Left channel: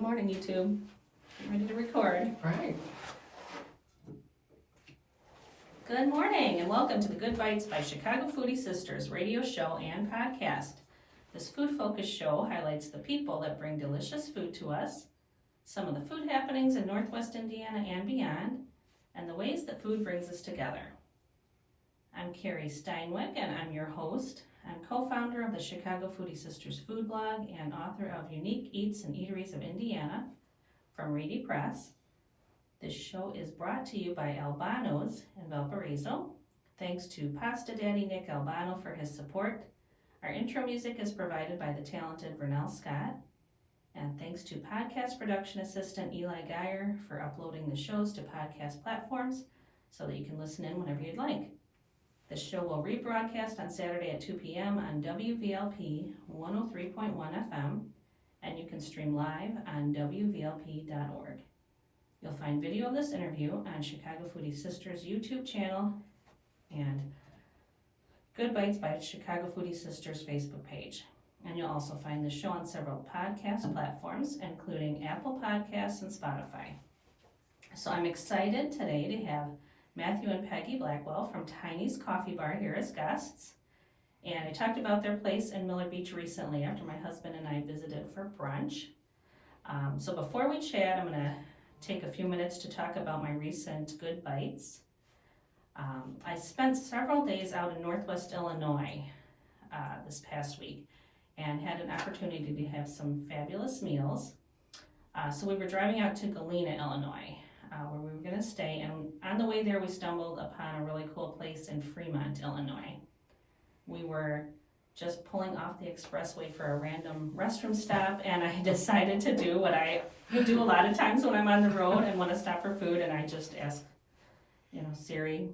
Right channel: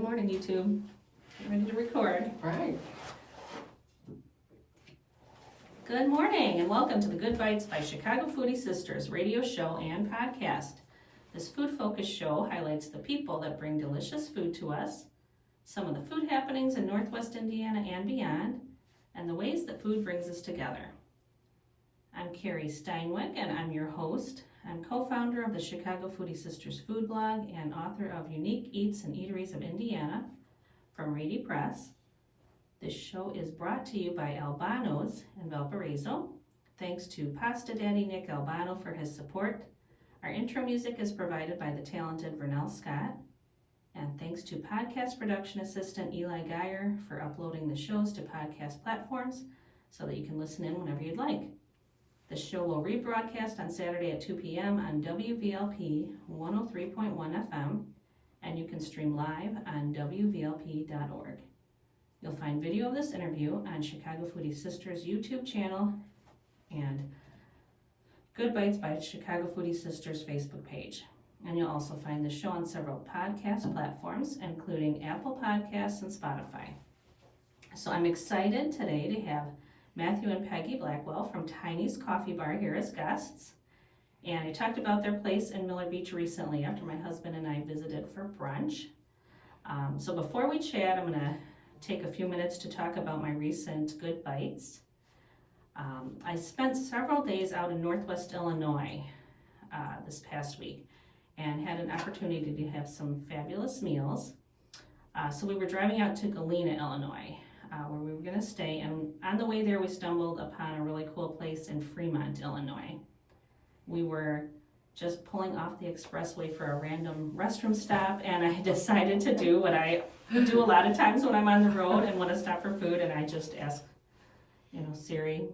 Good morning, YouTube. I'm ready to record. All right. Good morning and welcome to the Good Bytes by Chicago Foodie Sisters radio show and podcast. This food-focused show highlights the people that bring delicious food to us, some of the food happenings in Northwest Indiana and beyond, and the ways that food brings us together. I'm Carrie Steinwick and I'm your host. I'm co-founder of the Chicago Foodie Sisters food blog and author of Unique Eats and Eateries of Indiana from Reedy Press. This show is brought to you by Albano's in Valparaiso. Thanks to Pasta Daddy Nick Albano for his support. Our intro music is provided by the talented Vernell Scott. And thanks to podcast production assistant Eli Geyer for uploading the shows to podcast platforms so that you can listen in whenever you'd like. The show will rebroadcast on Saturday at 2 p.m. on WVLP 103.1 FM, and you can stream live on WVLP.org. You'll find video of this interview on Chicago Foodie Sisters YouTube channel and Good Bytes by Chicago Foodie Sisters Facebook page. And you'll also find the show on several podcast platforms, including Apple Podcasts and Spotify. So I'm excited today to have Matthew and Peggy Blackwell from Tiny's Coffee Bar here as guests. And I talked about their place in Miller Beach recently after my husband and I visited for brunch. So before we chat, I'm going to take a few minutes to talk about my recent Good Bytes. I spent several days out in Northwest Illinois this past week and had an opportunity to have some fabulous meals. So we were driving out to Galena, Illinois, where we were going to stay, and on the way there we stumbled upon a really cool place in Fremont, Illinois. We were just pulling off the expressway for a random restroom stop, and I decided to do what I do a lot of times when I'm on the road and want to stop for food, and I just ask, Siri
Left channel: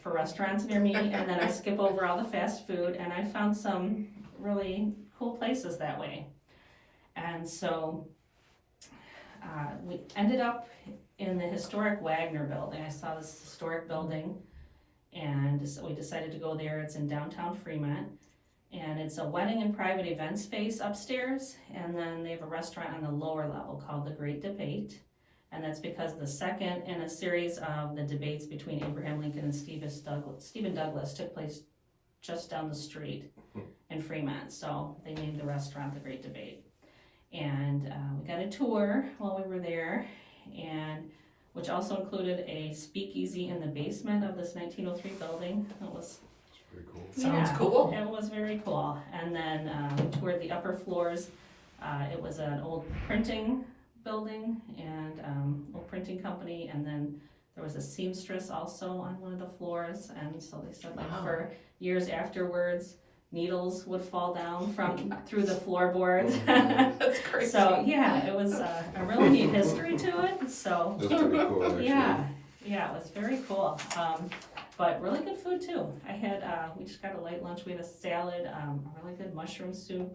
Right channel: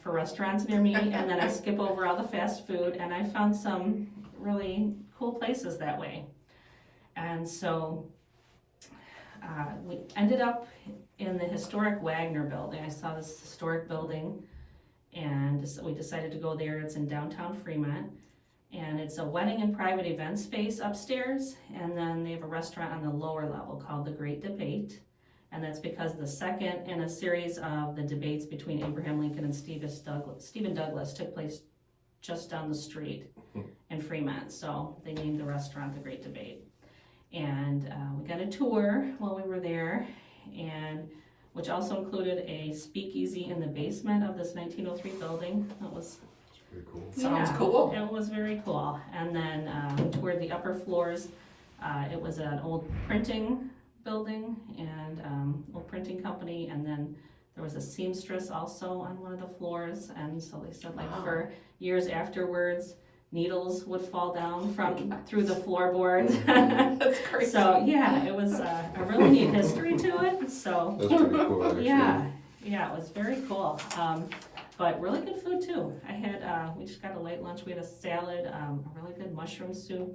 for restaurants near me, and then I skip over all the fast food, and I found some really cool places that way. And so we ended up in the historic Wagner building. I saw this historic building and we decided to go there. It's in downtown Fremont, and it's a wedding and private event space upstairs, and then they have a restaurant on the lower level called The Great Debate, and that's because the second in a series of the debates between Abraham Lincoln and Stephen Douglas took place just down the street in Fremont, so they named the restaurant The Great Debate. And we got a tour while we were there, and which also included a speakeasy in the basement of this 1903 building. That was pretty cool. Sounds cool. It was very cool. And then we toured the upper floors. It was an old printing building and old printing company, and then there was a seamstress also on one of the floors, and so they said for years afterwards needles would fall down through the floorboards. That's crazy. So yeah, it was a really neat history to it. So that's pretty cool, actually. Yeah, it was very cool. But really good food too. I had we just got a light lunch. We had a salad, a really good mushroom soup,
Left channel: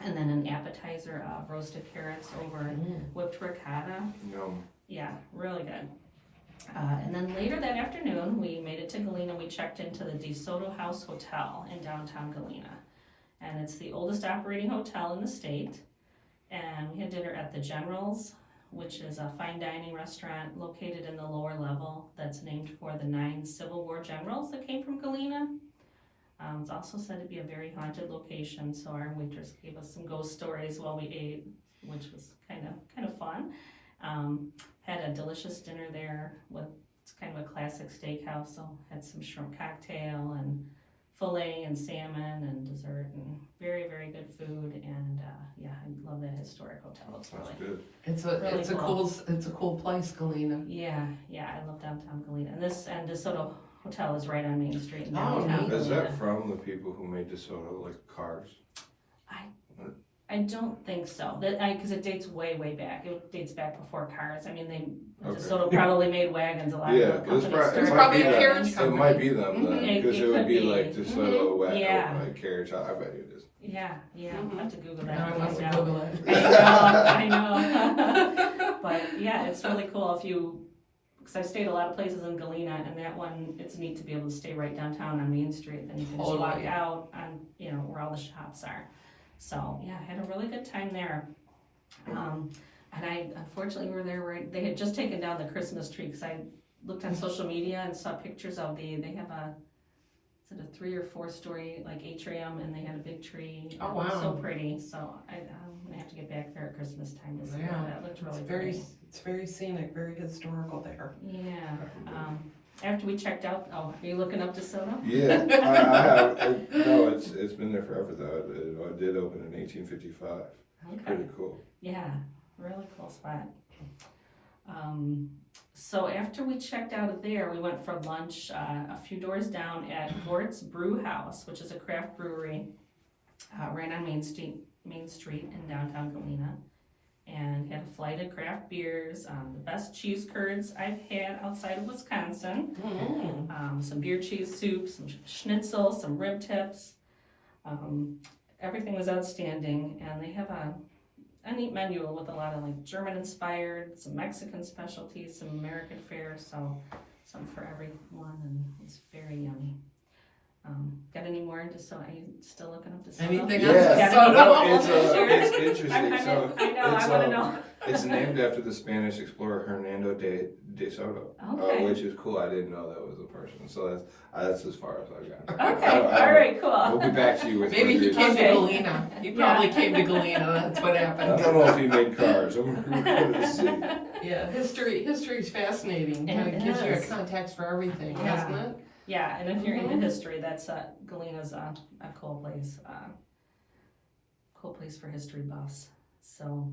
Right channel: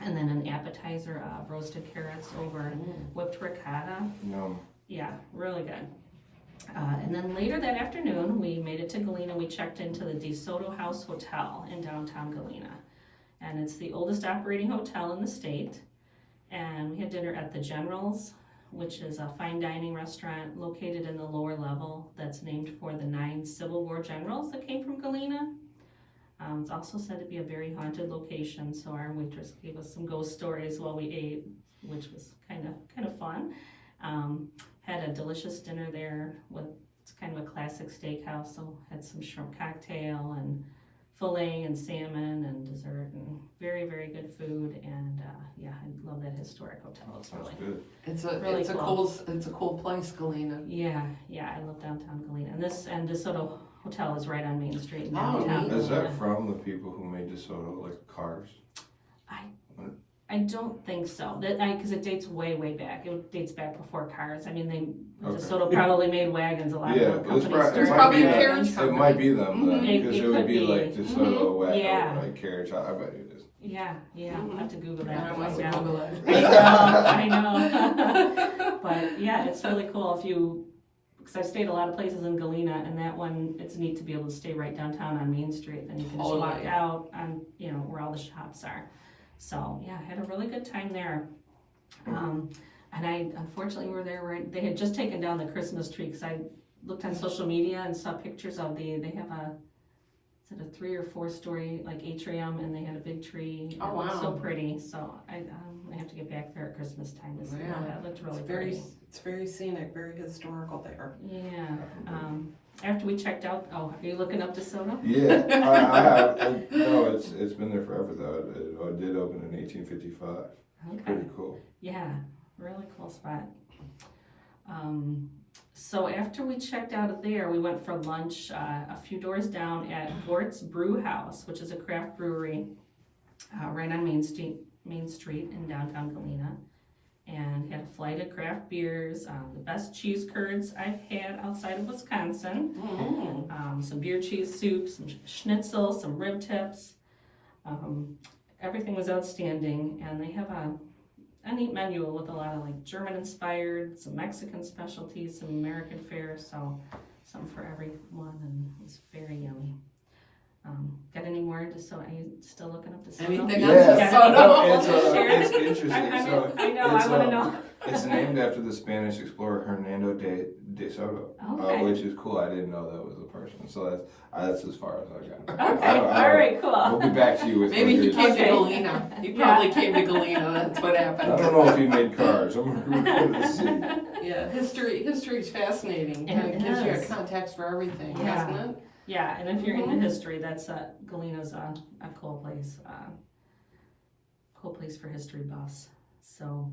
and then an appetizer of roasted carrots over whipped ricotta. Yum. Yeah, really good. And then later that afternoon, we made it to Galena. We checked into the DeSoto House Hotel in downtown Galena. And it's the oldest operating hotel in the state. And we had dinner at the General's, which is a fine dining restaurant located in the lower level that's named for the 9 Civil War generals that came from Galena. It's also said to be a very haunted location, so our waitress gave us some ghost stories while we ate, which was kind of fun. Had a delicious dinner there it's kind of a classic steakhouse, so had some shrimp cocktail and filet and salmon and dessert and very, very good food. And I love that historic hotel. It's really good. It's a cool place, Galena. Yeah, I love downtown Galena. And DeSoto Hotel is right on Main Street in downtown Is Galena. that from the people who made DeSoto, like cars? I don't think so. Because it dates way back. It dates back before cars. I mean, DeSoto probably made wagons. A lot of the companies. There's probably a carriage company. It might be them then, because it would be like DeSoto wagon, Yeah. like carriage. I bet it is. Yeah. I'll have to Google that. I want to Yeah. Google it. I know. But yeah, it's really cool because I've stayed a lot of places in Galena, and that one, it's neat to be able to stay right downtown on Main Street. Then you can just walk out on, where all the shops are. So yeah, I had a really good time there. And I, unfortunately, were there they had just taken down the Christmas tree, because I looked on social media and saw pictures of they have is it a 3 or 4 story like atrium, and they had a big tree. Oh, It looked wow. so pretty, so I have to get back there at Christmas time to see Yeah. that. That looked really It's very, pretty. it's very scenic, very historical there. Yeah, after we checked out, are you looking up DeSoto? Yeah, I have. No, it's been there forever though. It did open in 1855. Okay. Pretty cool. Yeah, really cool spot. So after we checked out of there, we went for lunch a few doors down at Gort's Brew House, which is a craft brewery right on Main Street in downtown Galena. And had a flight of craft beers, the best cheese curds I've had outside of Wisconsin. Some beer cheese soup, some schnitzel, some rib tips. Everything was outstanding, and they have a neat menu with a lot of like German inspired, some Mexican specialties, some American fare, so some for everyone, and it's very yummy. Got any more DeSoto? Are you still looking up DeSoto? Anything else? It's interesting. I know, I want to know. It's named after the Spanish explorer Hernando de Soto, Okay. which is cool. I didn't know that was a person. So that's as far as I got. Okay, all right, cool. We'll be back to you with Maybe he further- came Okay. to Galena. He probably came to Galena, that's what I happened. don't know if he made cars. We're gonna see. Yeah, history's fascinating. It It gives you a is. context for everything, Yeah. doesn't it? Yeah, and if you're into history, that's Galena's a cool place. Cool place for history buffs. So,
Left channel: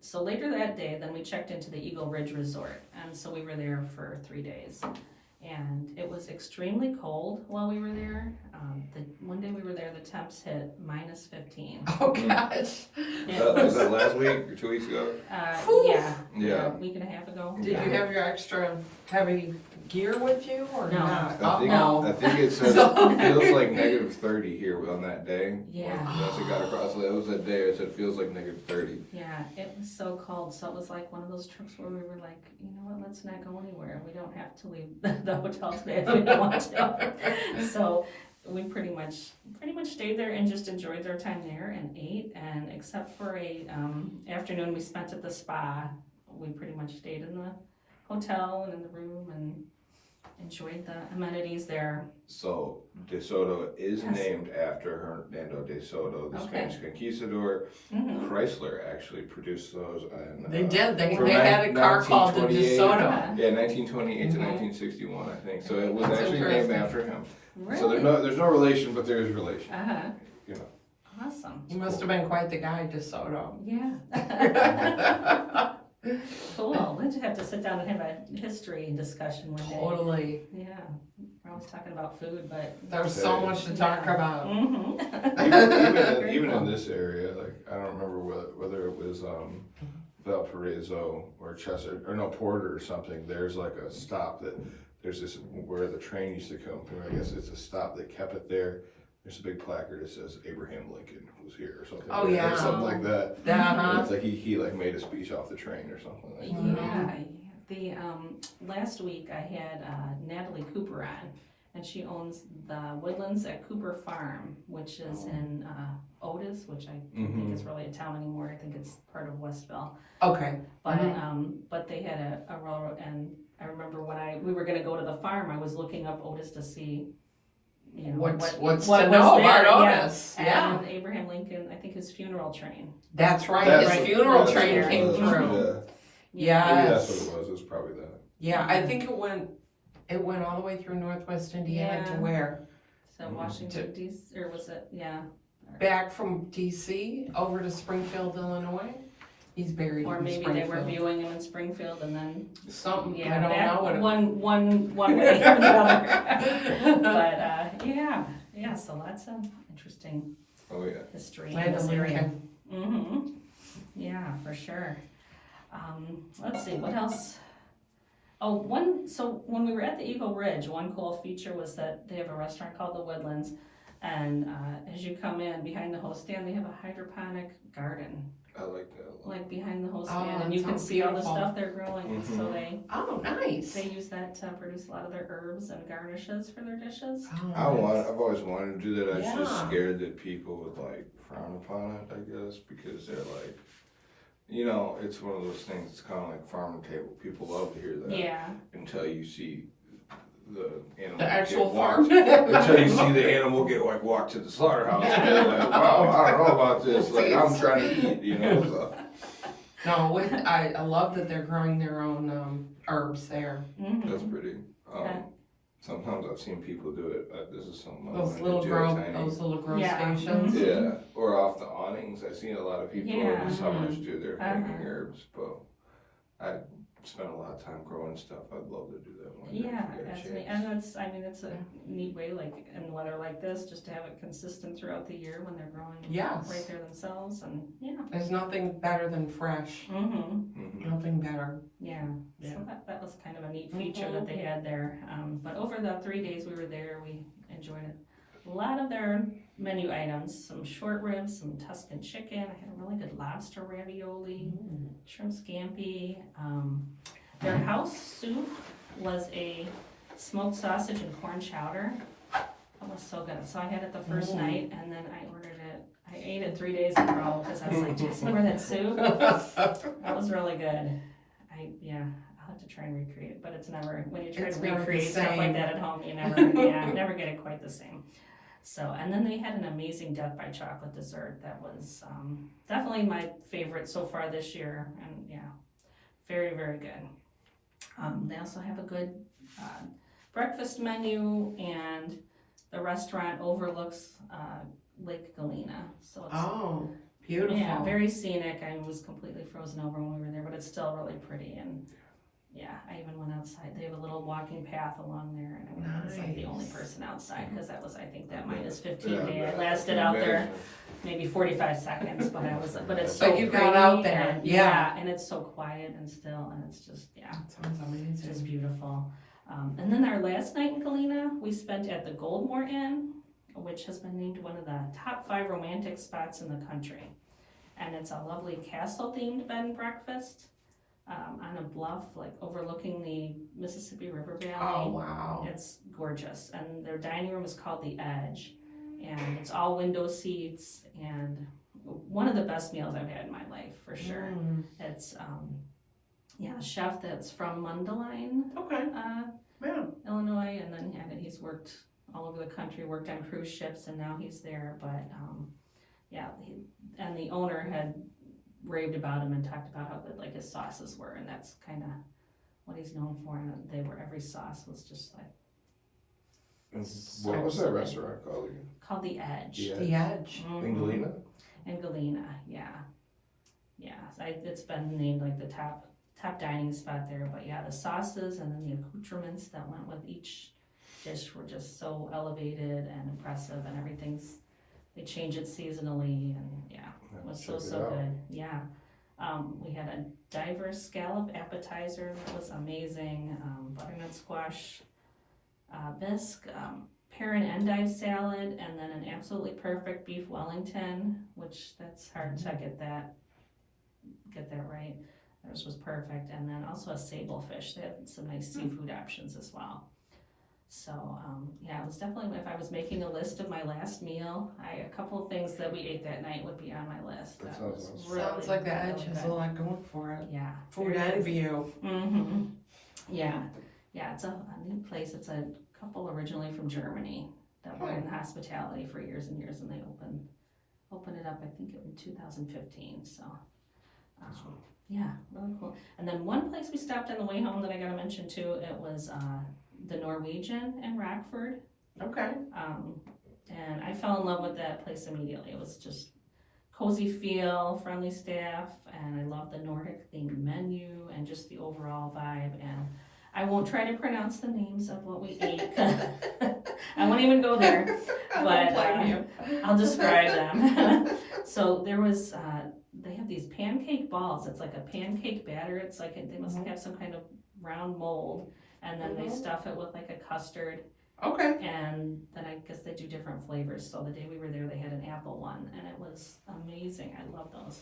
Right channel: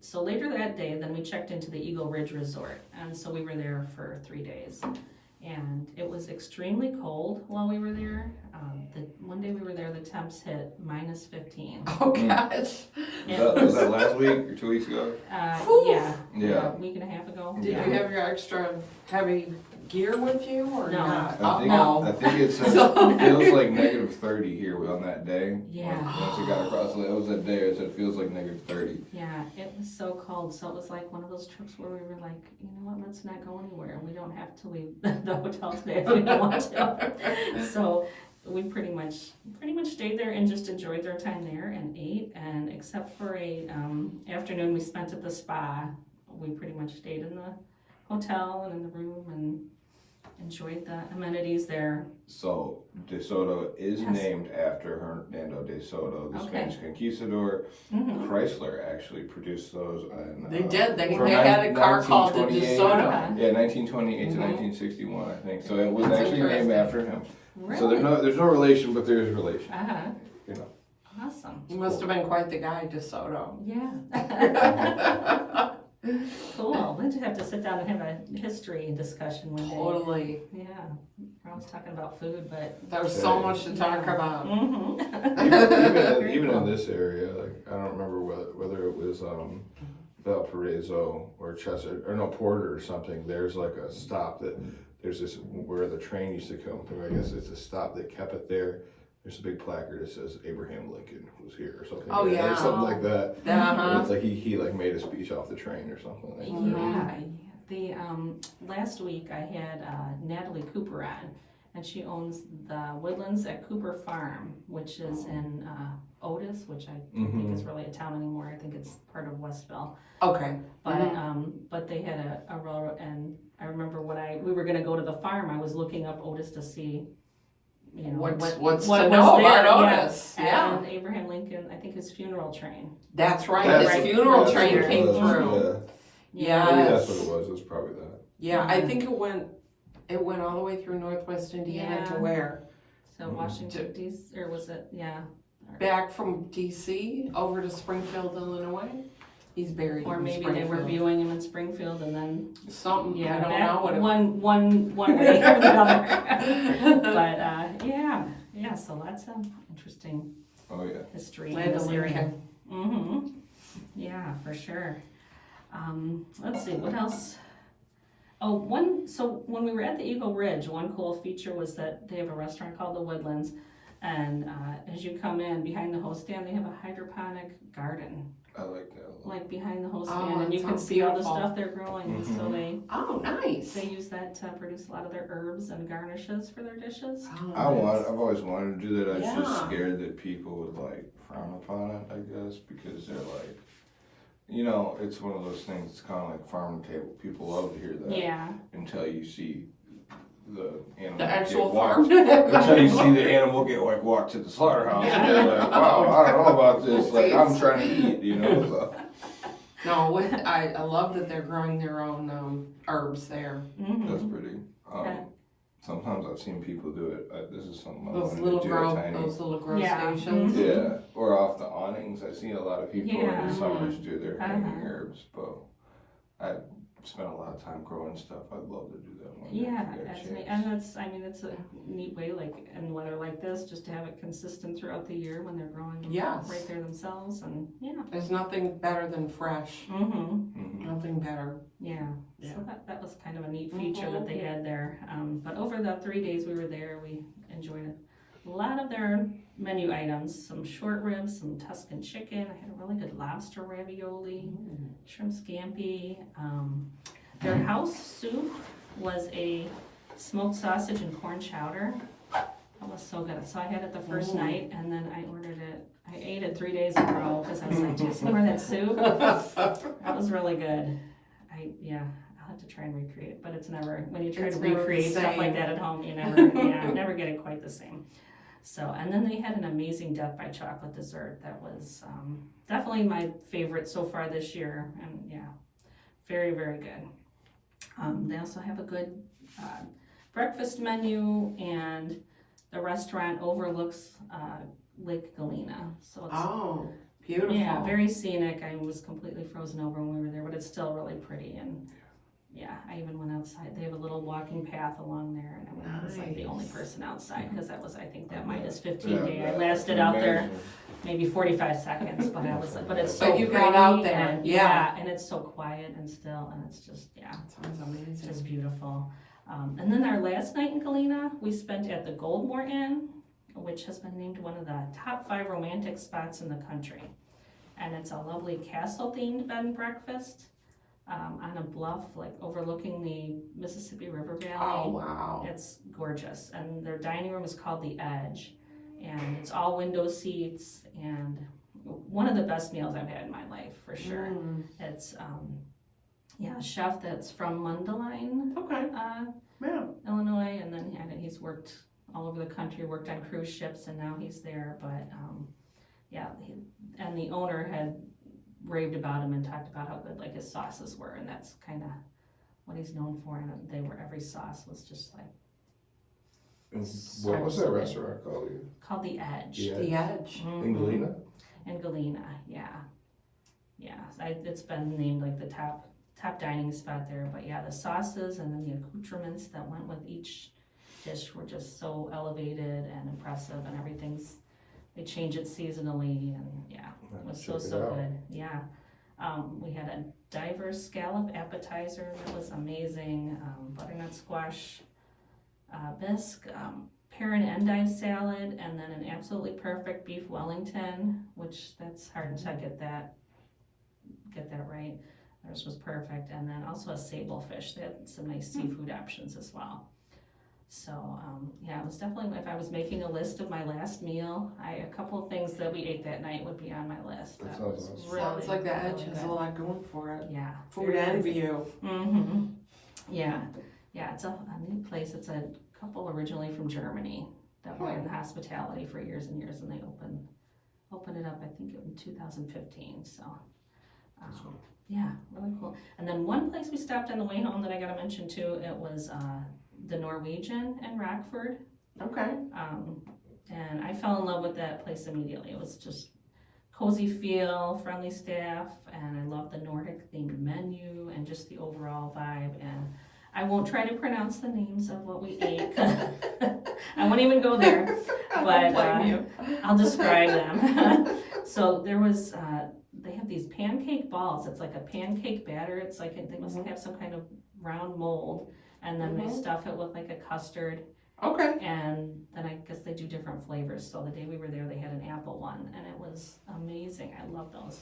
so later that day, then we checked into the Eagle Ridge Resort, and so we were there for 3 days. And it was extremely cold while we were there. The one day we were there, the temps hit -15. Oh, gosh. Was that last week or 2 weeks ago? Yeah, a week and a half ago. Did you have your extra heavy gear with you or No. not? I think it says it feels like -30 here on that day. Yeah. Once it got across, it was that day. It said it feels like -30. Yeah, it was so cold. So it was like one of those trips where we were like, you know what, let's not go anywhere. We don't have to leave the hotel today if we don't want to. So we pretty much stayed there and just enjoyed our time there and ate. And except for a afternoon we spent at the spa, we pretty much stayed in the hotel and in the room and enjoyed the amenities there. So DeSoto is Yes. named after Hernando de Soto, the Okay. Spanish conquistador. Mm-hmm. Chrysler actually produced those. They did. They from had a car called the 1928. DeSoto. Yeah, 1928 to Mhm. 1961, I think. So it was That's actually named interesting. after him. Really? So there's no relation, but there is relation. Uh-huh. You know. Awesome. You must have been quite the guy, DeSoto. Yeah. Cool. We'll just have to sit down and have a history discussion one day. Totally. Yeah. We're always talking about food, but. There's so much to talk Yeah. about. Mm-hmm. even in this area, like I don't remember whether it was Valparaiso or Chester or no Porter or something. There's like a stop that there's this where the train used to come through. I guess it's a stop that kept it there. There's a big placard that says Abraham Lincoln was here or something. Oh, like that, yeah. or something like that. Uh-huh. And it's like he like made a speech off the train or something like that. Yeah. The last week I had Natalie Cooper on, and she owns the Woodlands at Cooper Farm, which is in Otis, which I don't think is really a town anymore. I think it's part of Westville. Okay. But they had a railroad, and I remember when we were going to go to the farm, I was looking up Otis to see, you know, What's what to was know there. about Yeah. Otis? Yeah. And Abraham Lincoln, I think his funeral train. That's right. That's- His funeral that's train what it came was, through. Yeah. Maybe that's Yes. what it was. It was probably that. Yeah, I think it went all the way through Northwest Indiana to Yeah. where? So Washington D.C. or was it? Yeah. Back from DC over to Springfield, Illinois. He's buried Or in maybe Springfield. they were viewing him in Springfield and then Something, yeah, I don't back know what it one way or the other. But yeah. So lots of interesting Oh yeah. history in Land this of area. Lincoln. Mm-hmm. Yeah, for sure. Let's see, what else? So when we were at the Eagle Ridge, one cool feature was that they have a restaurant called the Woodlands, and as you come in, behind the host stand, they have a hydroponic garden, I like that. like behind the host Oh, stand, and that you can sounds see all the beautiful. stuff they're growing, so Mhm. Oh, nice. they use that to produce a lot of their herbs and garnishes for their dishes. Oh, I've always wanted to do that. I was just Yeah. scared that people would like frown upon it, I guess, because they're like, You know, it's one of those things, it's kind of like farm to table. People love to hear that. Yeah. Until you see the animal. The actual get farm. walked. Until you see the animal get like walked to the slaughterhouse. Yeah. And you're like, wow, I don't know about this. Like, I'm trying to eat, you know. So. No, I love that they're growing their own herbs there. Mm-hmm. That's pretty. Yeah. Sometimes I've seen people do it. This is something I Those wanted little to do. grow, Tiny. those little grow Yeah. stations. Mhm. Yeah, or off the awnings. I've seen a lot of people in Yeah. the summers do their hanging Uh-huh. herbs, but I spent a lot of time growing stuff. I'd love to do that one day Yeah, if I get a that's chance. neat. And that's, I mean, it's a neat way, like in weather like this, just to have it consistent throughout the year when they're growing Yes. right there themselves, and yeah. There's nothing better than fresh. Mm-hmm. Mhm. Nothing better. Yeah. Yeah. So that was kind of a neat feature that they had there. But over the 3 days we were there, we enjoyed a lot of their menu items. Some short ribs, some Tuscan chicken. I had a really good lobster ravioli, shrimp scampi. Their house soup was a smoked sausage and corn chowder. That was so good. So I had it the first night, and then I ordered it. I ate it 3 days in a row because I was like, do you some more of that soup? That was really good. I'll have to try and recreate it, but it's never, when you try It's to never the recreate stuff like same. that at home, you never, never get it quite the same. So, and then they had an amazing Death by Chocolate dessert that was definitely my favorite so far this year, and yeah, very, very good. They also have a good breakfast menu, and the restaurant overlooks Lake Galena, so it's Oh, beautiful. yeah, very scenic. I was completely frozen over when we were there, but it's still really pretty. And yeah, I even went outside. They have a little walking path along there, and I was like the only Nice. person outside because that was, I think, that minus Yeah, 15 day. I I lasted can out there imagine. maybe 45 seconds, but I was, but it's so But you got pretty, out there, and, yeah. and it's so quiet and still, and it's just That sounds it's just amazing. beautiful. And then our last night in Galena, we spent at the Goldmore Inn, which has been named one of the top 5 romantic spots in the country. And it's a lovely castle-themed bed and breakfast on a bluff, like overlooking the Mississippi River Valley. Oh, wow. It's gorgeous. And their dining room is called The Edge. And it's all window seats, and one of the best meals I've had in my life, for sure. Mm. It's, a chef that's from Mundelein, Okay, yeah. Illinois, and then he's worked all over the country, worked on cruise ships, and now he's there. But and the owner had raved about him and talked about how good like his sauces were, and that's kind of what he's known for. And every sauce was just like And what was that restaurant called? called The Edge. Yeah. The Edge. Mhm. In Galena? In Galena, yeah. It's been named like the top dining spot there. But yeah, the sauces and then the accoutrements that went with each dish were just so elevated and impressive, and they change it seasonally, and yeah, it was Check it so out. good. Yeah. We had a diverse scallop appetizer that was amazing, butternut squash bisque, pear and endive salad, and then an absolutely perfect beef Wellington, which that's hard to get that right. Theirs was perfect, and then also a sable fish. They had some nice seafood options as well. So it was definitely, if I was making a list of my last meal, a couple of things that we ate that night would be on my list. That was sounds awesome. really, Sounds like the really Edge has good. a lot going for it. Yeah. Food very and good. view. Mm-hmm. Yeah, it's a neat place. It's a couple originally from Germany that were in hospitality for years and years, and they opened it up, I think, in 2015. So, yeah, really cool. And then one place we stopped on the way home that I got to mention too, it was the Norwegian in Rockford. Okay. And I fell in love with that place immediately. It was just cozy feel, friendly staff, and I love the Nordic themed menu and just the overall vibe. And I won't try to pronounce the names of what we ate. I won't even go there, I but don't blame you. I'll describe them. So there was, they have these pancake balls. It's like a pancake batter. It's like, they must have some kind of round mold, and then they stuff it with like a custard. Okay. And then I guess they do different flavors. So the day we were there, they had an apple one, and it was amazing. I love those.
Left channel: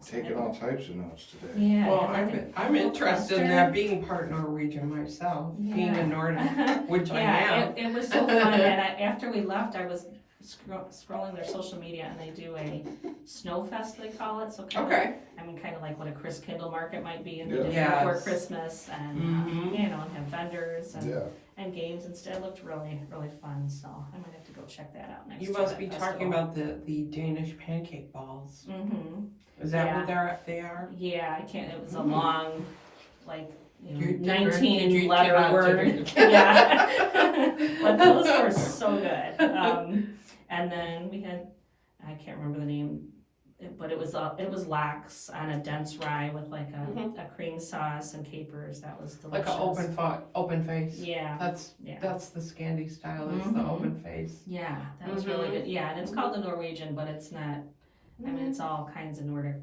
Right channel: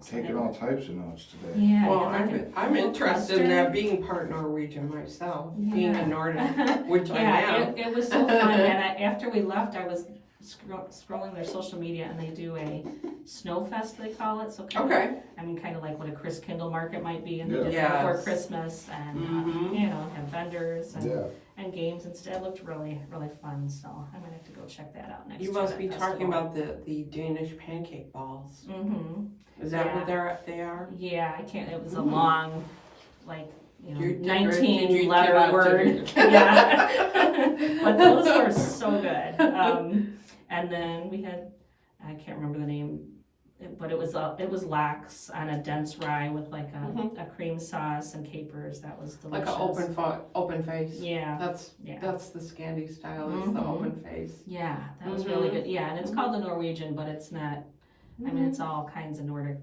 So Taking they- all types of notes today. Yeah. Well, yeah, like a I'm interested in custard. that, being part Norwegian myself, being Yeah. a Nordic, which I Yeah, am. it was so fun. And after we left, I was scrolling their social media, and they do a snow fest, they call it. So kind Okay. of, I mean, kind of like what a Chris Kindle market might be, and they Yeah. did it Yes. before Christmas, and Mhm. you know, have vendors and, Yeah. and games and stuff. It looked really, really fun. So I might have to go check that out next You year. must that be festival. talking about the Danish pancake balls. Mm-hmm. Is that Yeah. what they are? Yeah, I can't. It was a Mm. long, like, you know, Did you 19 letter cannot word. do- Yeah, but those were so good. And then we had, I can't remember the name, but it was lax on a dense rye with like a cream sauce and capers. That was delicious. Like an open face. Yeah. That's Yeah. that's the Scandi style. Is the Mhm. open face. Yeah, that was really Mhm. good. Yeah, and it's called the Norwegian, but it's not. I mean, it's all kinds of Nordic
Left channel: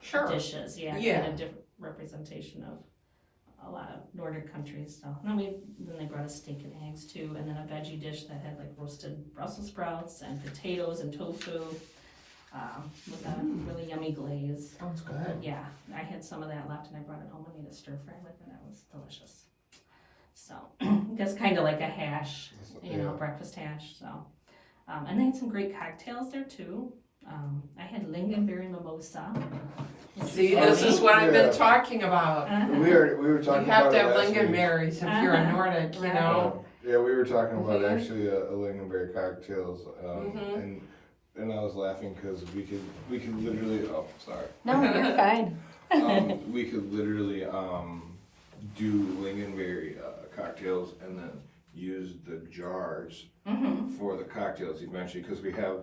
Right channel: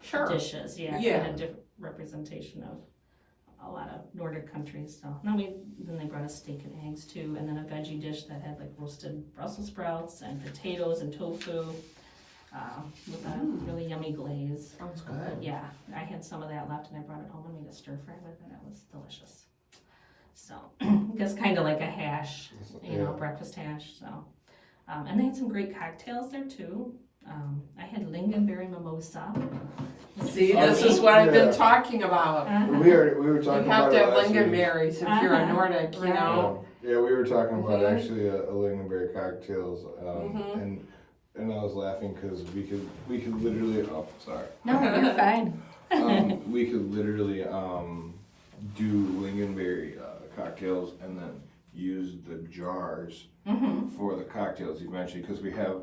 Sure. dishes. Yeah, Yeah. kind of different representation of a lot of Nordic countries. So then they brought us steak and eggs too, and then a veggie dish that had like roasted Brussels sprouts and potatoes and tofu with a really yummy glaze. Sounds But good. yeah, I had some of that left and I brought it home and made a stir fry with it. That was delicious. So I guess kind of like a hash, you know, breakfast hash. So and they had some great cocktails there too. I had lingonberry mimosa. See, this is what I've been talking about. We were You talking have about to it have last week. lingonberries if you're a Uh-huh. Nordic, you Right. know. Yeah, we were talking about Mhm. actually a lingonberry cocktails, Mhm. and I was laughing because we could literally sorry No, you're fine. we could literally do lingonberry cocktails and then use the jars for the cocktails eventually because we go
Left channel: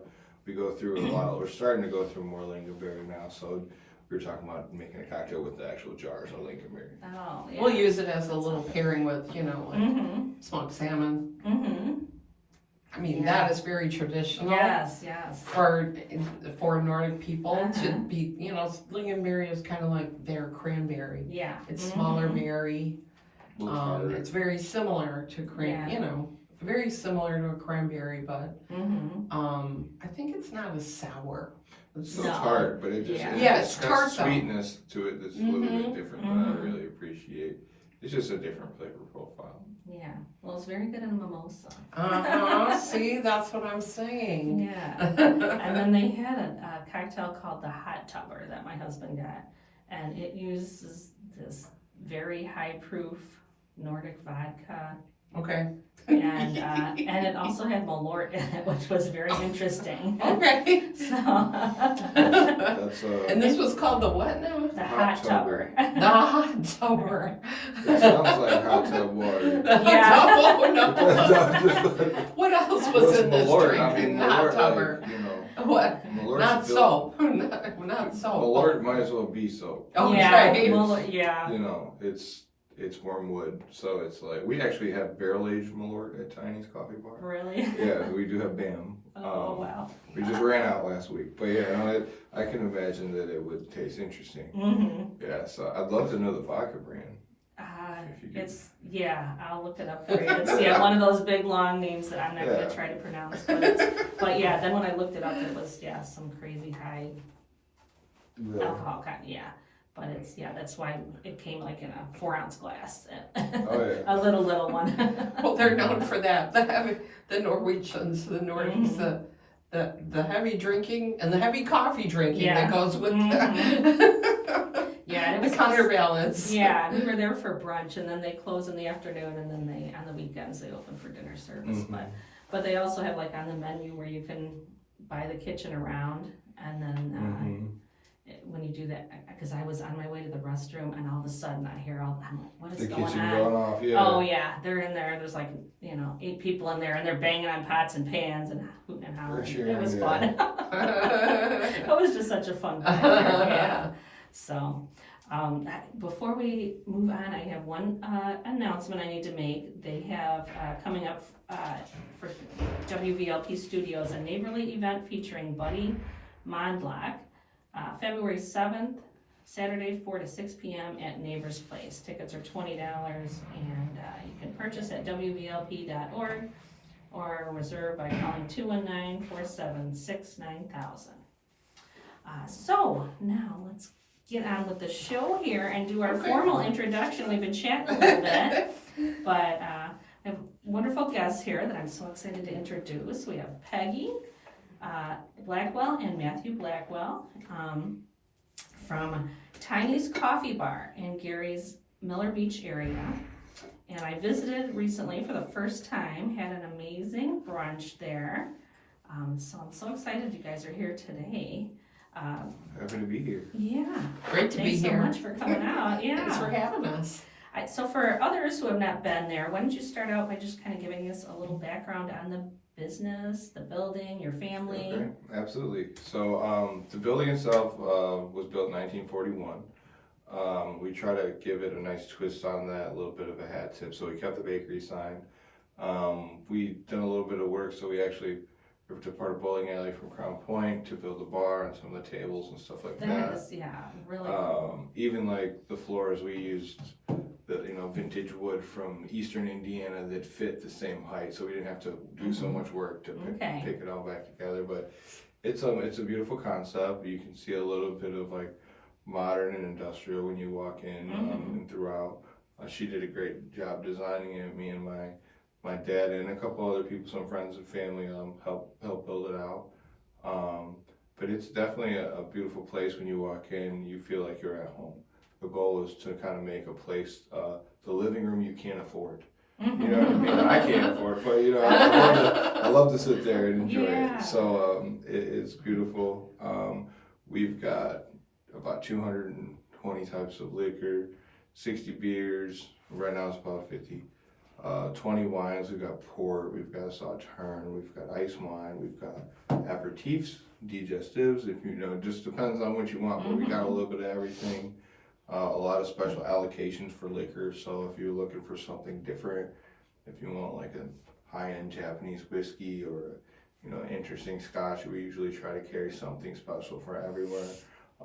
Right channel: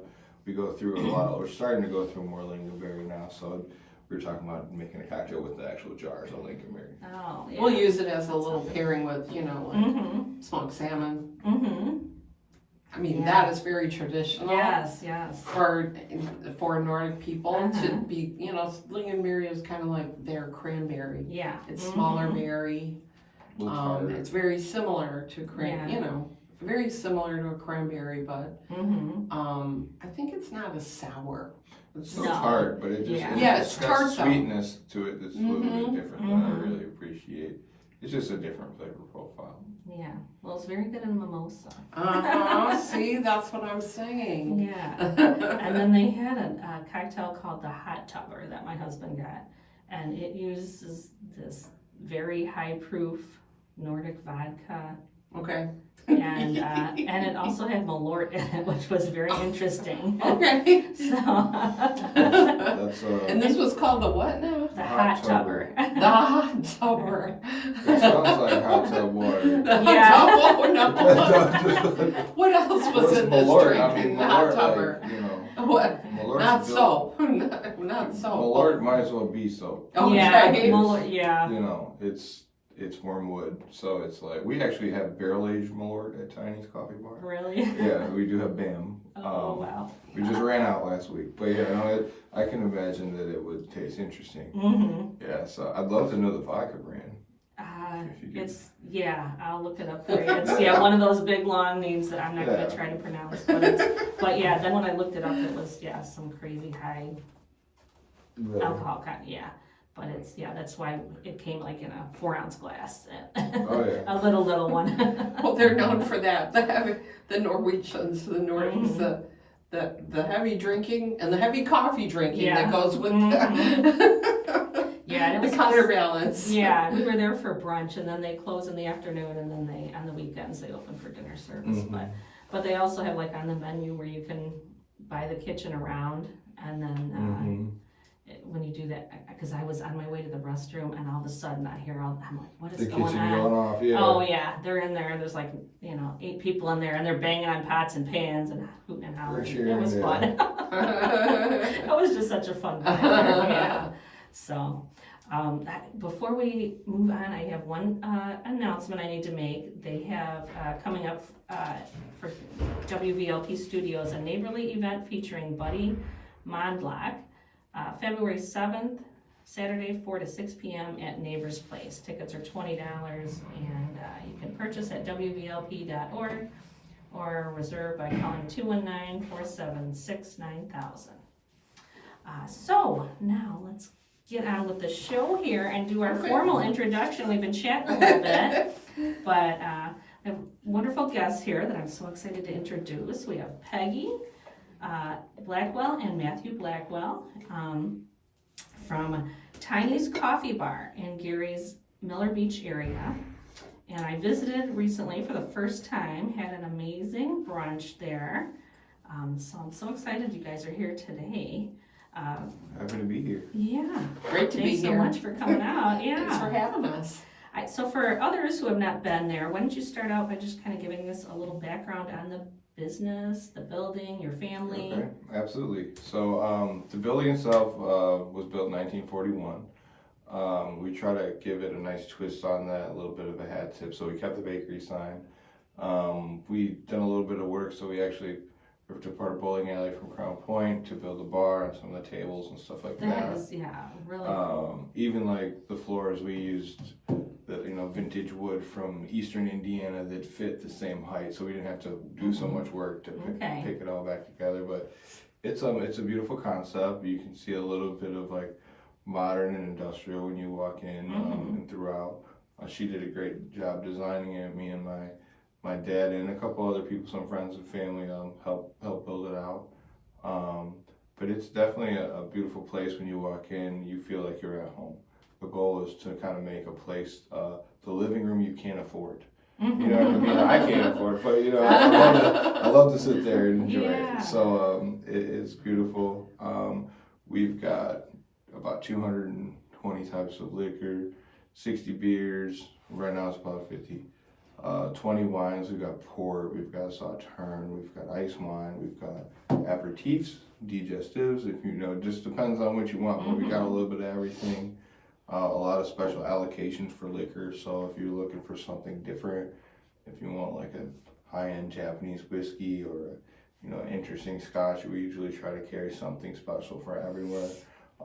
through a lot. We're starting to go through more lingonberry now, so we were talking about making a cocktail with the actual jars of lingonberry. Oh, yeah. We'll use it as a little pairing with, you know, like Mm-hmm. smoked salmon. Mm-hmm. I mean, Yeah. that is very traditional. Yes. For Nordic people to Uh-huh. be, you know, lingonberry is kind of like their cranberry. Yeah. It's Mhm. smaller berry. A little tart. It's very similar to Yeah. you know, very similar to a cranberry, but Mm-hmm. I think it's not as sour. It's so No. tart, but it just Yeah. Yeah, it it's has tart, though. sweetness to it that's a little bit Mhm. different that I really appreciate. It's just a different flavor profile. Yeah. Well, it's very good in mimosa. See, that's what I'm saying. Yeah. And then they had a cocktail called the Hot Tubber that my husband got, and it uses this very high proof Nordic vodka, Okay. and it also had Malort in it, which was very interesting. Okay. So That's And this was called the what now? the Hot Tubber. The hot tubber. it sounds like hot tub water. Yeah. Oh, no. What else was What's in this Malort? drink? I mean, The hot Malort, tubber. like, you know, What? Malort's Not built- soap. Not soap. Malort might as well be soap. Okay. Yeah. Malort, yeah. You know, it's wormwood, so it's like we actually have barrel aged Malort at Tiny's Coffee Bar. Really? Yeah, we do have BAM. Oh wow. We just ran out last week, but you know, I can imagine that it would taste interesting. Mm-hmm. Yeah, so I'd love to know the vodka brand. If you could. I'll look it up for you. It's one of those big long names that I'm not Yeah. gonna try to pronounce. But yeah, then when I looked it up, it was some crazy high Really? alcohol content. Yeah, but that's why it came like in a 4-ounce glass. Oh, yeah. A little one. Well, they're known for that. The Norwegians, the Nordics, the heavy drinking and the heavy coffee drinking Yeah. that goes with Yeah, and it the was counterbalance. Yeah, we were there for brunch, and then they close in the afternoon, and then on the weekends they open for dinner service. Mhm. But they also have like on the menu where you can buy the kitchen around, and then when you do that, because I was on my way to the restroom, and all of a sudden I'm like, what is The going kitchen on? going off, yeah. Oh yeah, they're in there. There's like 8 people in there, and they're banging on pots and pans and hooting and hollering. cheering, It was yeah. fun. It was just such a fun time. Yeah. So. Before we move on, I have one announcement I need to make. They have coming up for WVLP Studios a neighborly event featuring Buddy Mondlock, February 7th, Saturday 4 to 6 p.m. at Neighbors Place. Tickets are $20, and you can purchase at WVLP.org or reserve by calling 219-476-9000. So now let's get on with the show here and do our formal introduction. We've been chatting a little bit, but I have wonderful guests here that I'm so excited to introduce. We have Peggy Blackwell and Matthew Blackwell from Tiny's Coffee Bar in Gary's Miller Beach area. And I visited recently for the first time, had an amazing brunch there. So I'm so excited you guys are here today. Happy to be here. Yeah. Great to be Thanks so here. much for coming out. Yeah. Thanks for having us. So for others who have not been there, why don't you start out by just kind of giving us a little background on the business, the building, your family? Okay, absolutely. So the building itself was built in 1941. We try to give it a nice twist on that, a little bit of a hat tip. So we kept the bakery sign. We done a little bit of work, so we actually ripped apart a bowling alley from Crown Point to build a bar and some of the tables and stuff like that. That is, yeah, really cool. Even like the floors, we used the vintage wood from Eastern Indiana that fit the same height, so we didn't have to do so much work to pick it all back together. But it's a beautiful concept. You can see a little bit of like modern and industrial when you walk in and throughout. She did a great job designing it. Me and my dad and a couple other people, some friends and family, help build it out. But it's definitely a beautiful place. When you walk in, you feel like you're at home. The goal is to kind of make a place, the living room you can't afford. You know what I mean? I can't afford it, but I love to sit there and enjoy it. So it's beautiful. We've got about 220 types of liquor, 60 beers. Right now it's about 50. 20 wines. We've got port, we've got sauterne, we've got ice wine, we've got aperitifs, digestives. If it just depends on what you want. But we got a little bit of everything. A lot of special allocations for liquor. So if you're looking for something different, if you want like a high-end Japanese whiskey or interesting scotch, we usually try to carry something special for everywhere.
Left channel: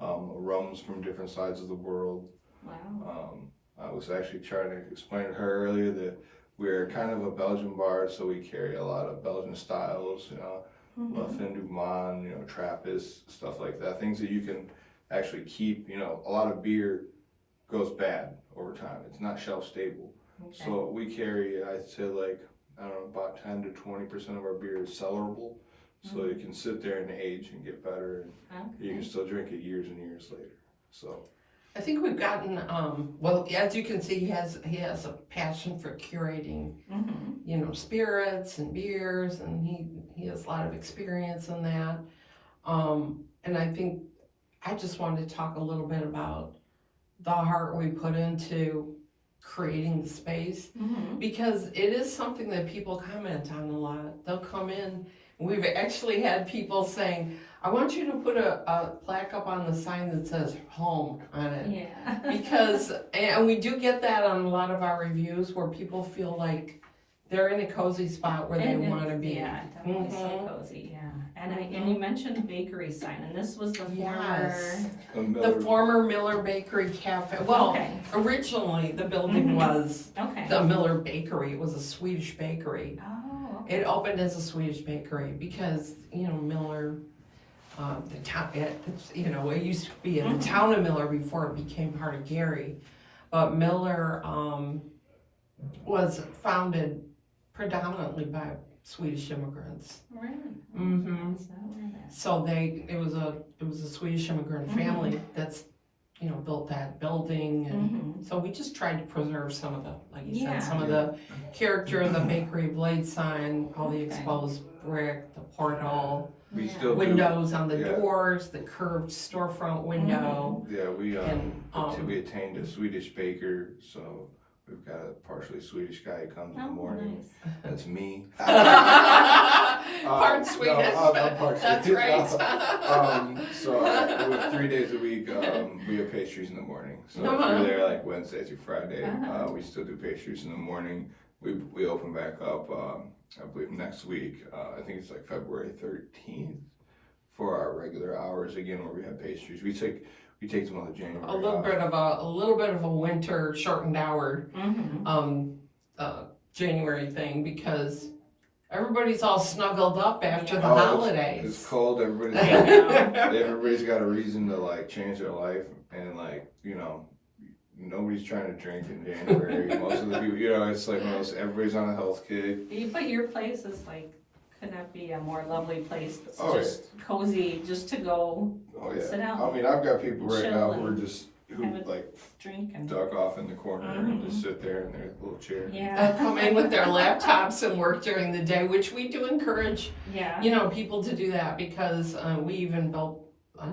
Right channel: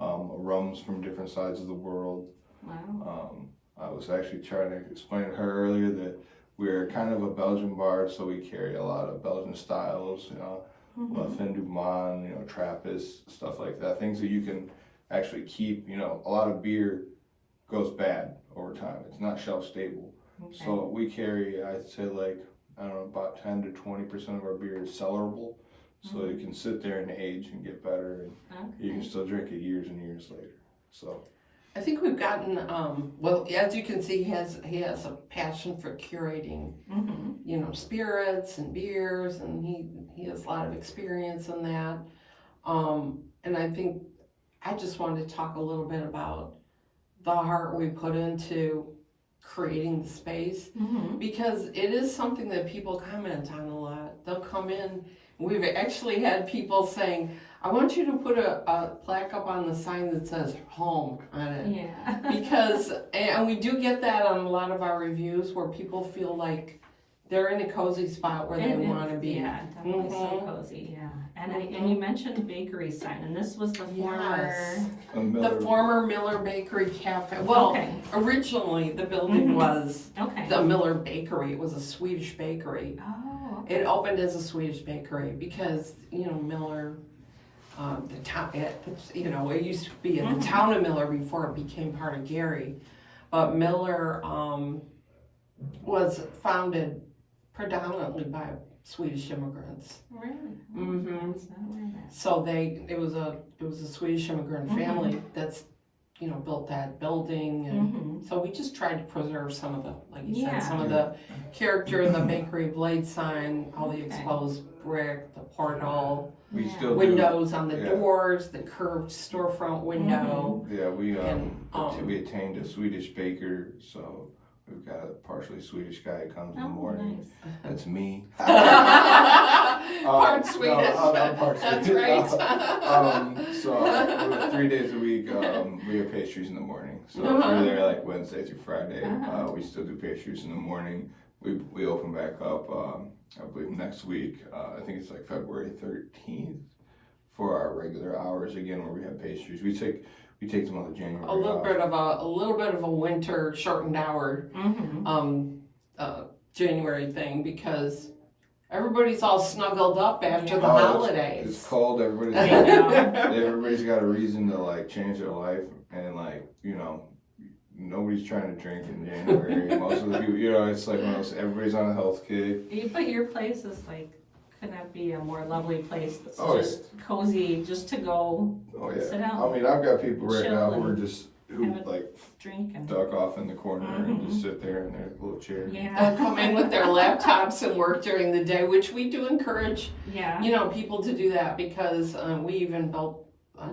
Rums from different sides of the world. Wow. I was actually trying to explain to her earlier that we're kind of a Belgian bar, so we carry a lot of Belgian styles, fin du monde, Trappist, stuff like that. Things that you can actually keep. A lot of beer goes bad over time. It's not shelf stable. Okay. So we carry, I'd say about 10 to 20% of our beer is cellarable. So you can sit there and age and get better, and you can still drink it years and years later. So I think we've gotten, as you can see, he has a passion for curating, spirits and beers, and he has a lot of experience in that. And I think I just wanted to talk a little bit about the heart we put into creating the space, because it is something that people comment on a lot. They'll come in. We've actually had people saying, I want you to put a plaque up on the sign that says home on it. Yeah. And we do get that on a lot of our reviews where people feel like they're in a cozy spot where they want to be. Yeah, definitely so cozy, yeah. And you mentioned the bakery sign, and this was the former Miller Bakery Cafe. Well, originally the building was the Miller Bakery. It was a Swedish bakery. Oh, okay. It opened as a Swedish bakery because, Miller, the town, it used to be in the town of Miller before it became part of Gary. But Miller was founded predominantly by Swedish immigrants. Really? So it was a Swedish immigrant family that's built that building, and so we just tried to preserve some of the, like you said, some of the character of the bakery blade sign, all the exposed brick, the portal, we still windows on the doors, the curved storefront window. Yeah, we attained a Swedish baker, so we've got a partially Swedish guy who comes in the morning. Nice. That's me. Part Swedish. I'm part That's Swedish. right. So 3 days a week, we have pastries in the morning. So if you're there like Wednesday through Friday, we still do pastries in the morning. We open back up, I believe next week. I think it's like February 13th for our regular hours again, where we have pastries. We take the month of January. A little bit of a winter shortened hour January thing, because everybody's all snuggled up after the holidays. It's cold. Everybody's got a reason to like change their life, and nobody's trying to drink in January. Most of the people, you know, it's like everybody's on a health kick. But your place is like, could not be a more lovely place. It's Oh, just cozy, just to go Oh sit yeah. down. I mean, I've got people right Chill now who are and just who have a like drink and duck off in the corner and just sit there in their little chair. yeah, They'll come in with their laptops and work during the day, which we do encourage, yeah. you know, people to do that because we even built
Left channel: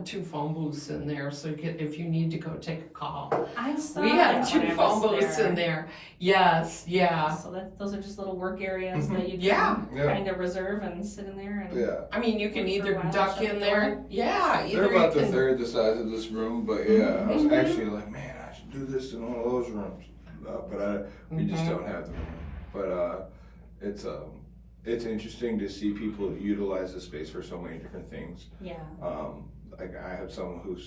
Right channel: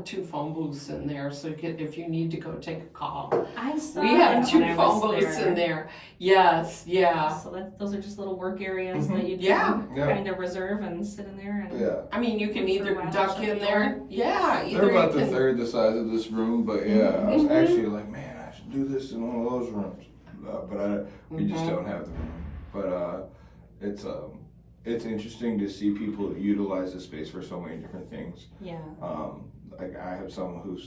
2 phone booths in there, so if you need to go take a call. I saw We that have 2 when I phone was booths there. in there. Yes, yeah. So those are just little work areas Mhm. that you Yeah. can Yeah. kind of reserve and sit in there and. Yeah. I mean, you can For either a while, duck shut in the there. door. Yeah, They're either about you the can. third the size of this room, but yeah, I was Mhm. actually like, man, I should do this in one of those rooms, but we just Mhm. don't have the room. But it's interesting to see people utilize the space for so many different things. Yeah. Like I have someone who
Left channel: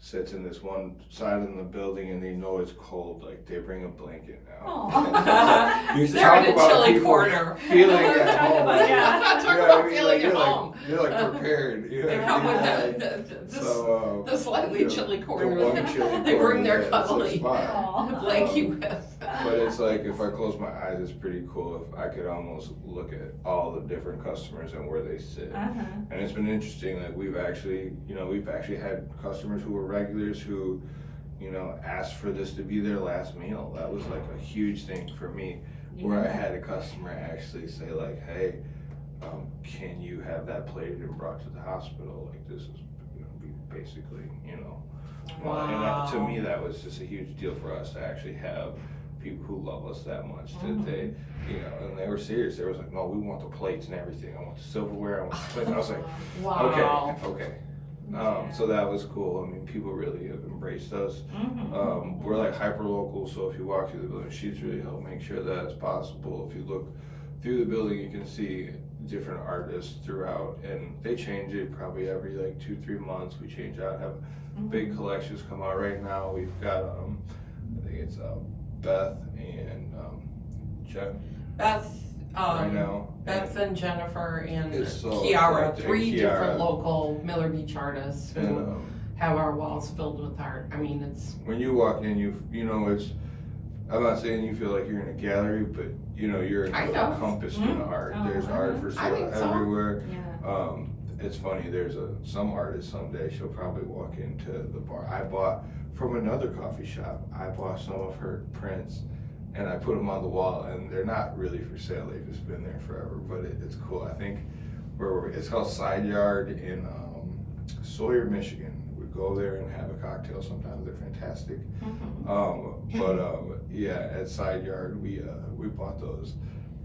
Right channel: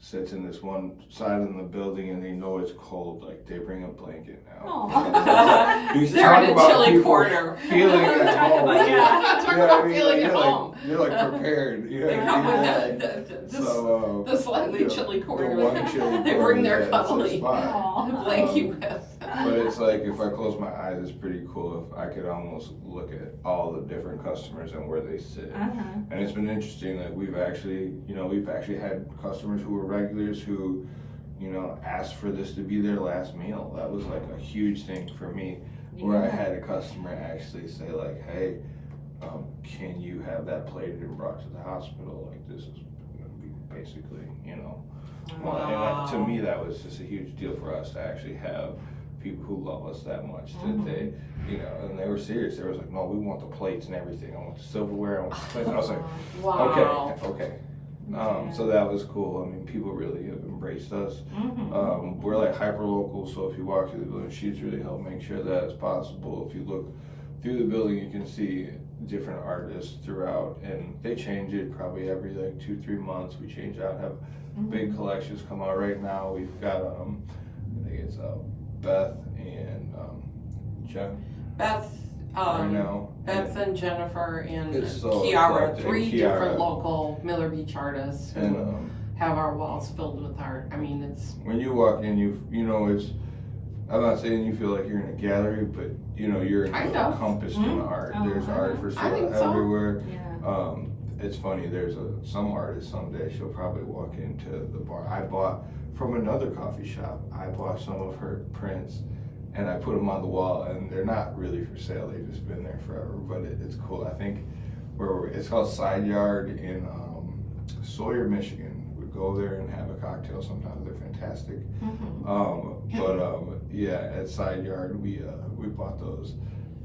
sits in this one side of the building and they know it's cold, like they bring a blanket now. Aw. You used to They're talk in a about chilly people corner. feeling at Talk home. about- yeah. Talk about feeling at home. You're like prepared. They come with the So, the slightly chilly the corner. one chilly They bring their corner, that's the cuddly spot. Aw. blankie with. But it's like if I close my eyes, it's pretty cool. If I could almost look at all the different customers and where they sit. Uh-huh. And it's been interesting that we've actually had customers who were regulars who, you know, asked for this to be their last meal. That was like a huge thing for me, where I had a customer actually say like, hey, can you have that plated and brought to the hospital? Like this is gonna be basically, you know. Wow. And that, to me, that was just a huge deal for us to actually have people who love us that much that they, you know, and they were serious. They was like, no, we want the plates and everything. I want the silverware. I want the plates. And I was like, Wow. okay. Yeah. So that was cool. I mean, people really have embraced us. Mhm. We're like hyper local, so if you walk through the building, she's really helped make sure that it's possible. If you look through the building, you can see different artists throughout, and they change it probably every like 2-3 months. We change out, have big collections come out right now. We've got I think it's Beth and Jen Beth, right now. Beth and Jennifer and It's so Kiara, eclectic. 3 Kiara. different local Miller Beach artists who And have our walls filled with art. I mean, it's when you walk in, you know it's. I'm not saying you feel like you're in a gallery, but you know you're Kind of. encompassed in the art. Oh, There's art for I sale think so. everywhere. Yeah. It's funny. There's some artist someday. She'll probably walk into the bar. I bought from another coffee shop. I bought some of her prints, and I put them on the wall. And they're not really for sale. They've just been there forever. But it's cool. I think it's called Side Yard in Sawyer, Michigan. We go there and have a cocktail. Sometimes they're fantastic. Yeah, at Side Yard we bought those.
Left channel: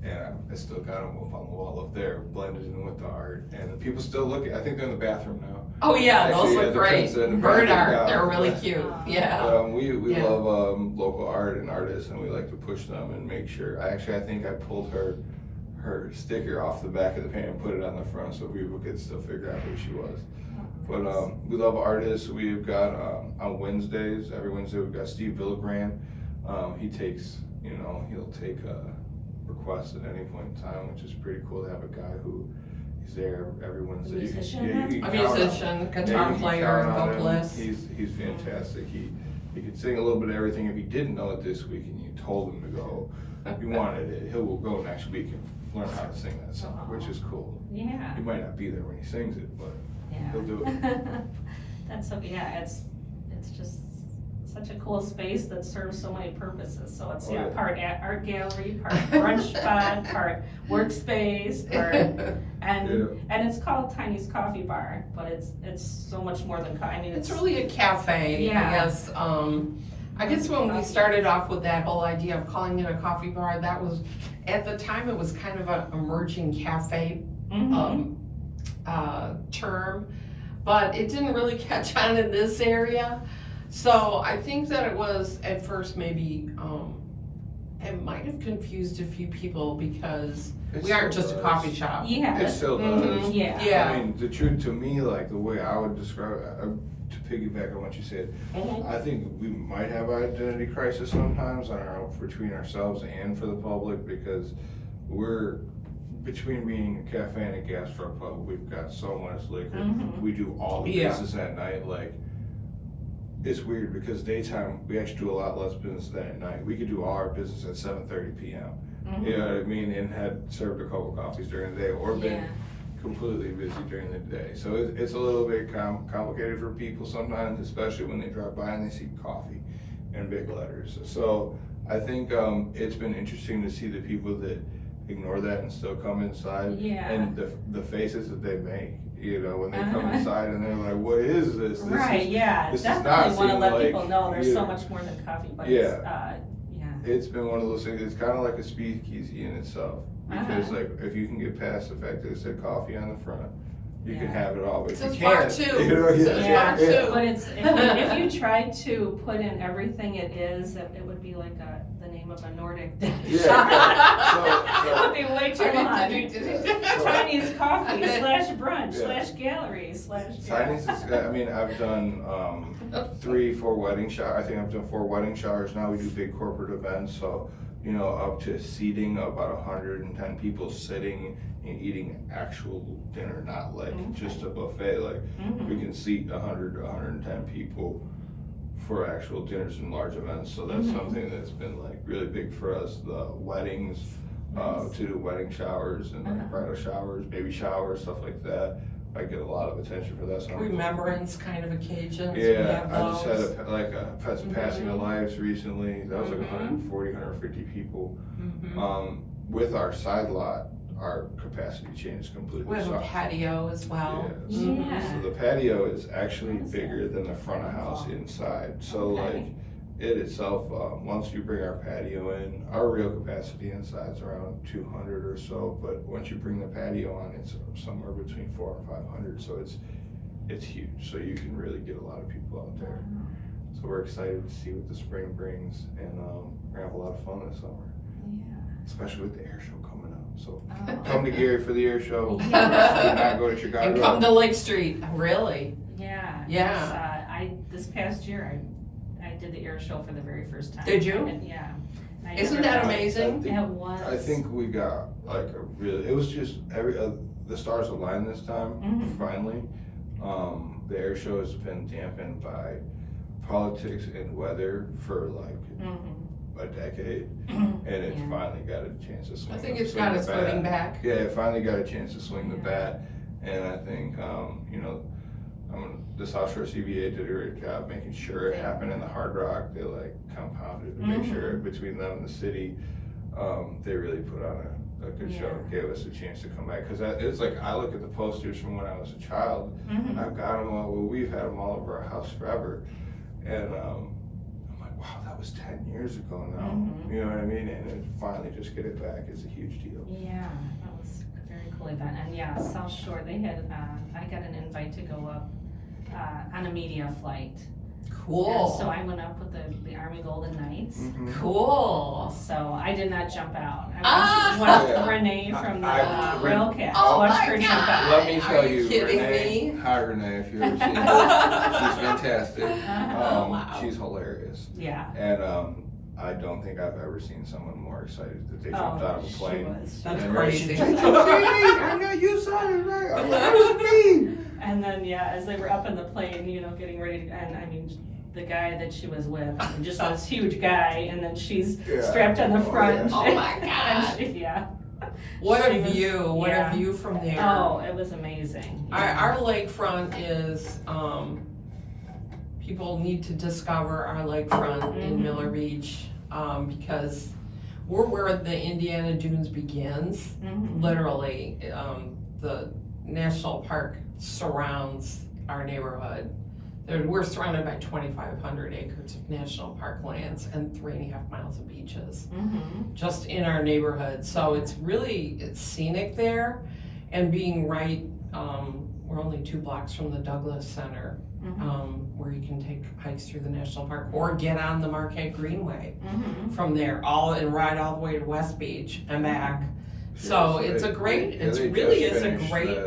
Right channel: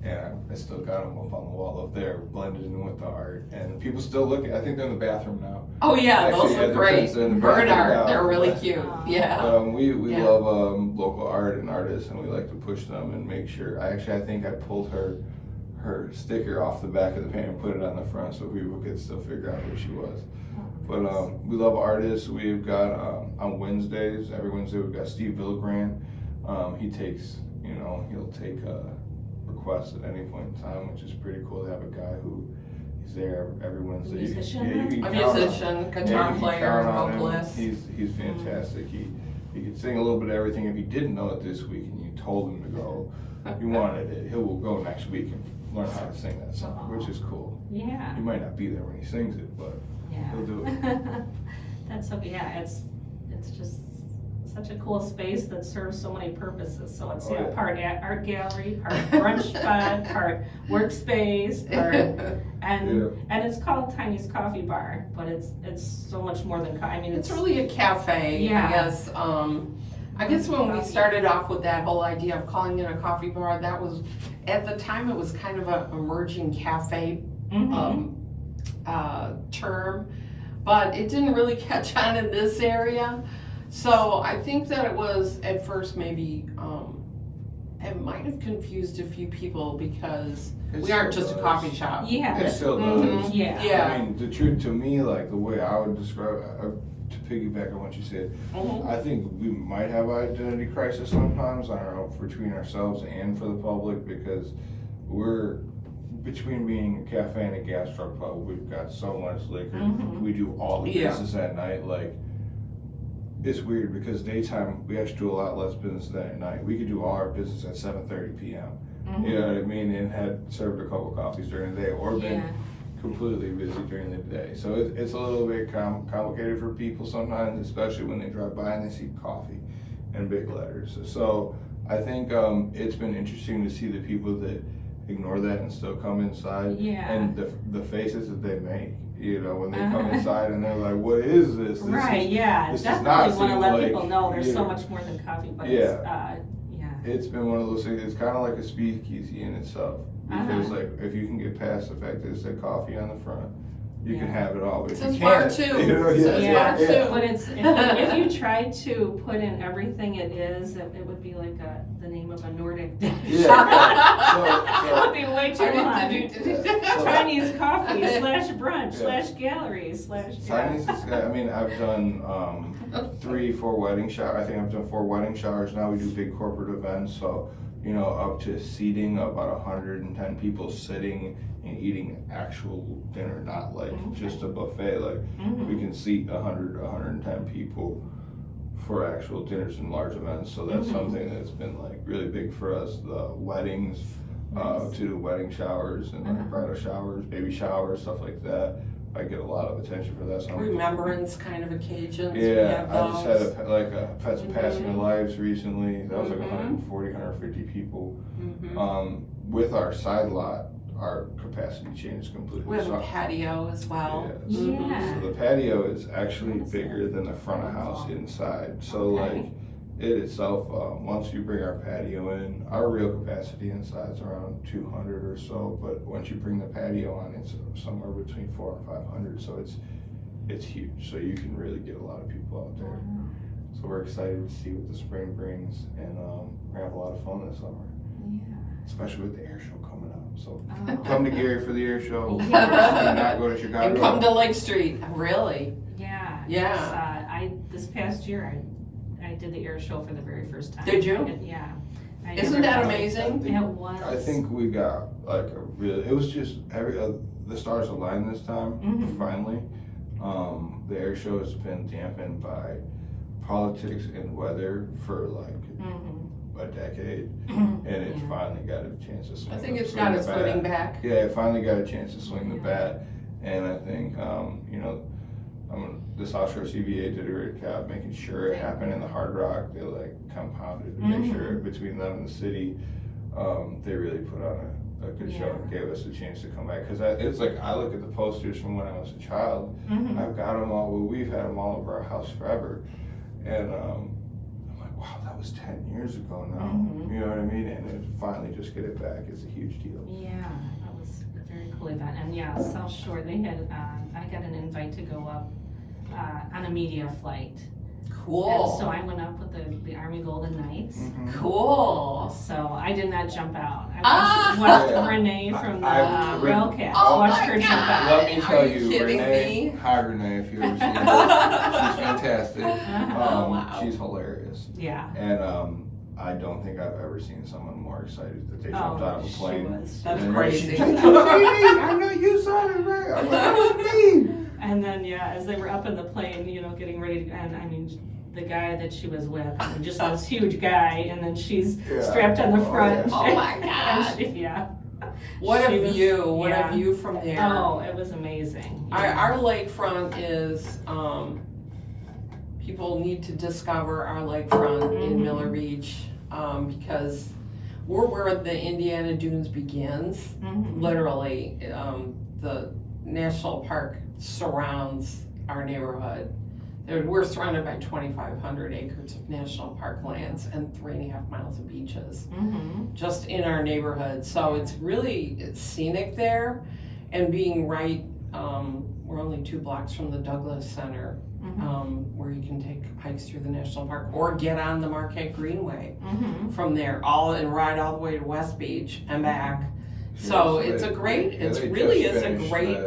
And I still got them up on the wall up there, blended in with the art. And people still look at, I think they're in the bathroom now. oh yeah, Actually, those yeah, look the great. prints are in the Bird bathroom art, now, they're really but- cute. Aw. Yeah. We Yeah. love local art and artists, and we like to push them and make sure. I think I pulled her sticker off the back of the pan and put it on the front so people could still figure out who she was. But we love artists. We've got on Wednesdays, every Wednesday we've got Steve Villagrand. He takes, he'll take requests at any point in time, which is pretty cool to have a guy who he's there every Wednesday. Musician, you A can count on him. musician, Yeah, guitar you can player, count on him. vocalist. He's fantastic. He could sing a little bit of everything. If he didn't know it this week and you told him to go, you wanted it, he will go next week and learn how to sing that song, which is cool. Yeah. He might not be there when he sings it, but Yeah. he'll do it. That's so, yeah, it's just such a cool space that serves so many purposes. So it's, Oh, yeah. part art gallery, part brunch spot, part workspace, part, and it's called Tiny's Coffee Bar, but it's so much more than, I mean, It's really a cafe, Yeah. I guess when we started off with that whole idea of calling it a coffee bar, that was, at the time, it was kind of an emerging cafe Mhm. term, but it didn't really catch on in this area. So I think that it was at first maybe, it might have confused a few people because we aren't just a coffee shop. Yeah. It still does. Mhm. Yeah. Yeah. I mean, the truth to me, like the way I would describe it, to piggyback on what you said, Mhm. I think we might have identity crisis sometimes between ourselves and for the public, because we're between being a cafe and a gas truck pub. We've got so much liquor. Mhm. We do all the Yeah. business at night. Like it's weird because daytime we actually do a lot less business than at night. We could do all our business at 7:30 p.m. You know what I mean, and had served a couple coffees during the day, or been completely busy during the day. So it's a little bit complicated for people sometimes, especially when they drive by and they see coffee and big letters. So I think it's been interesting to see the people that ignore that and still come inside, and the faces that they make. You know, when they come inside and they're like, "What is this?" This Definitely want to let like, people know there's so much more than coffee. But it's been one of those things. It's kind of like a speakeasy in itself, because like if you can get past the fact that it said coffee on the front, you can have it all. But It if says you bar can't, too. you know, It says bar too. But if you try to put in everything it is, it would be like the name of a Nordic dish. It would be way too long. Chinese coffee / brunch / gallery / Chinese is, I mean, I've done 3-4 wedding showers. I think I've done 4 wedding showers now. We do big corporate events, so you know, up to seating about 110 people sitting and eating actual dinner, not like just a buffet. Like we can seat 100 to 110 people for actual dinners and large events. So that's something that's been like really big for us. The weddings, to the wedding showers and like bridal showers, baby showers, stuff like that. I get a lot of attention for that. So Remembrance kind of occasions. Yeah, I just had had some passing of lives recently. That was like 140, 150 people. With our side lot, our capacity changes completely. We have a patio as well. So the patio is actually bigger than the front of house inside. So like it itself, once you bring our patio in, our real capacity inside is around 200 or so. But once you bring the patio on, it's somewhere between 400 and 500. So it's huge. So you can really get a lot of people out there. So we're excited to see what the spring brings, and we're gonna have a lot of fun this summer. Especially with the air show coming up. So come to Gary for the air show. Not go to Chicago. And come to Lake Street. Really? Yeah. This past year I did the air show for the very first time. Did you? And, Isn't that amazing? It was. I think we got like it was just the stars aligned this time, finally. The air show has been dampened by politics and weather for like a decade, and it finally got a chance to swing. I think it's got its footing back. Yeah, it finally got a chance to swing the bat, and I think you know, the South Shore CBA did a great job making sure it happened in the Hard Rock. They like compounded to make sure between them and the city, they really put on a good show and gave us a chance to come back. Because it's like I look at the posters from when I was a child. I've got them all. Well, we've had them all over our house forever, and I'm like, wow, that was 10 years ago now. You know what I mean? And to finally just get it back is a huge deal. Yeah, that was a very cool event. And South Shore, they had, I got an invite to go up on a media flight. Cool. And so I went up with the Army Golden Knights. Cool. So I did not jump out. I watched Renee from the Railcats. Watched her jump out. Let me tell you, Renee. Hi, Renee, if you've ever seen her. She's fantastic. She's hilarious. Yeah. And I don't think I've ever seen someone more excited that they jumped out of a plane. That's crazy. I know you saw it, right? I'm like, that was me. And then, as they were up in the plane, getting ready, and I mean, the guy that she was with, just this huge guy, and then she's strapped on the front. Oh my God. What a view from there. Oh, it was amazing. Our lakefront is, people need to discover our lakefront in Miller Beach, because we're where the Indiana Dunes begins. Literally, the national park surrounds our neighborhood. We're surrounded by 2,500 acres of national park lands and 3.5 miles of beaches just in our neighborhood. So it's scenic there, and being right, we're only 2 blocks from the Douglas Center, where you can take hikes through the national park or get on the Marquette Greenway from there, and ride all the way to West Beach and back. So it's a great,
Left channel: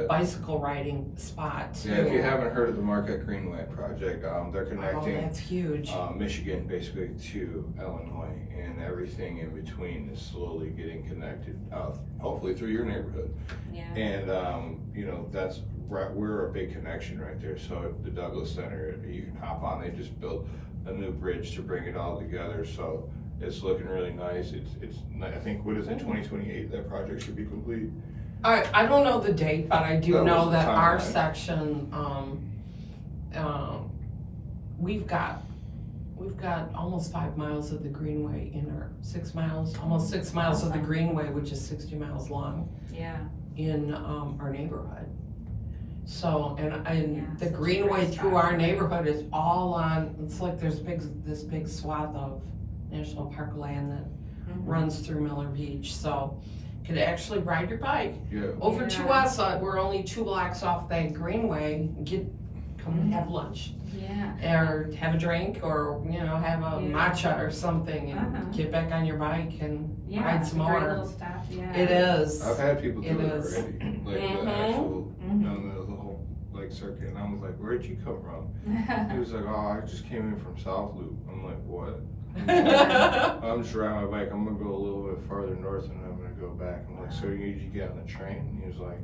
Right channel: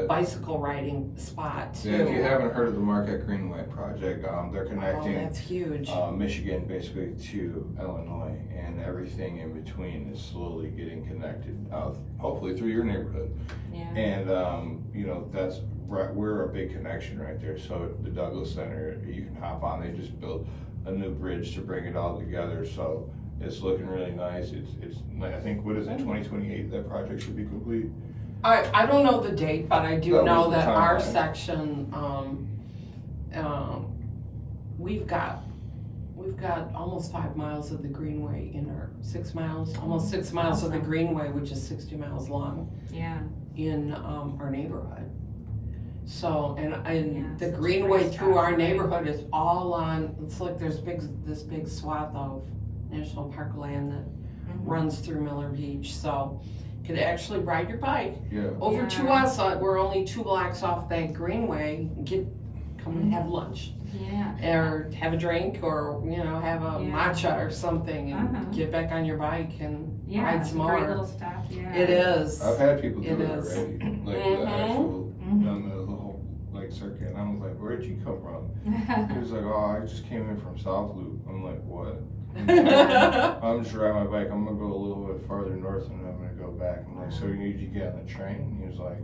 bicycle riding spot too. Yeah, if you haven't heard of the Marquette Greenway project, they're connecting that's huge. Michigan basically to Illinois, and everything in between is slowly getting connected, hopefully through your neighborhood. And that's we're a big connection right there. So the Douglas Center, you can hop on. They just built a new bridge to bring it all together. So it's looking really nice. It's I think, what is it, 2028? That project should be complete. I don't know the date, but I do That know was the that our timeline. section, we've got almost 5 miles of the greenway in our, 6 miles, almost 6 miles of the Awesome. greenway, which is 60 miles long, Yeah. in our neighborhood. So, and Yeah, the such a greenway great through spot. our neighborhood is all on, it's like there's this big swath of national park land that Mhm. runs through Miller Beach, so you could actually ride your bike Yeah. over to Yeah. us. We're only 2 blocks off that greenway. Come and have lunch, Yeah. or have a drink, or have a Yeah. matcha or something, and Uh-huh. get back on your bike and Yeah, ride it's some a great more. little stop, yeah. It is. I've had people do It it is. already, like Mhm. the actual, Mhm. done the whole like circuit, and I was like, where'd you come from? He was like, oh, I just came in from South Loop. I'm like, what? I'm just riding my bike. I'm gonna go a little bit farther north and I'm gonna go back. I'm like, so did you get on the train? And he was like,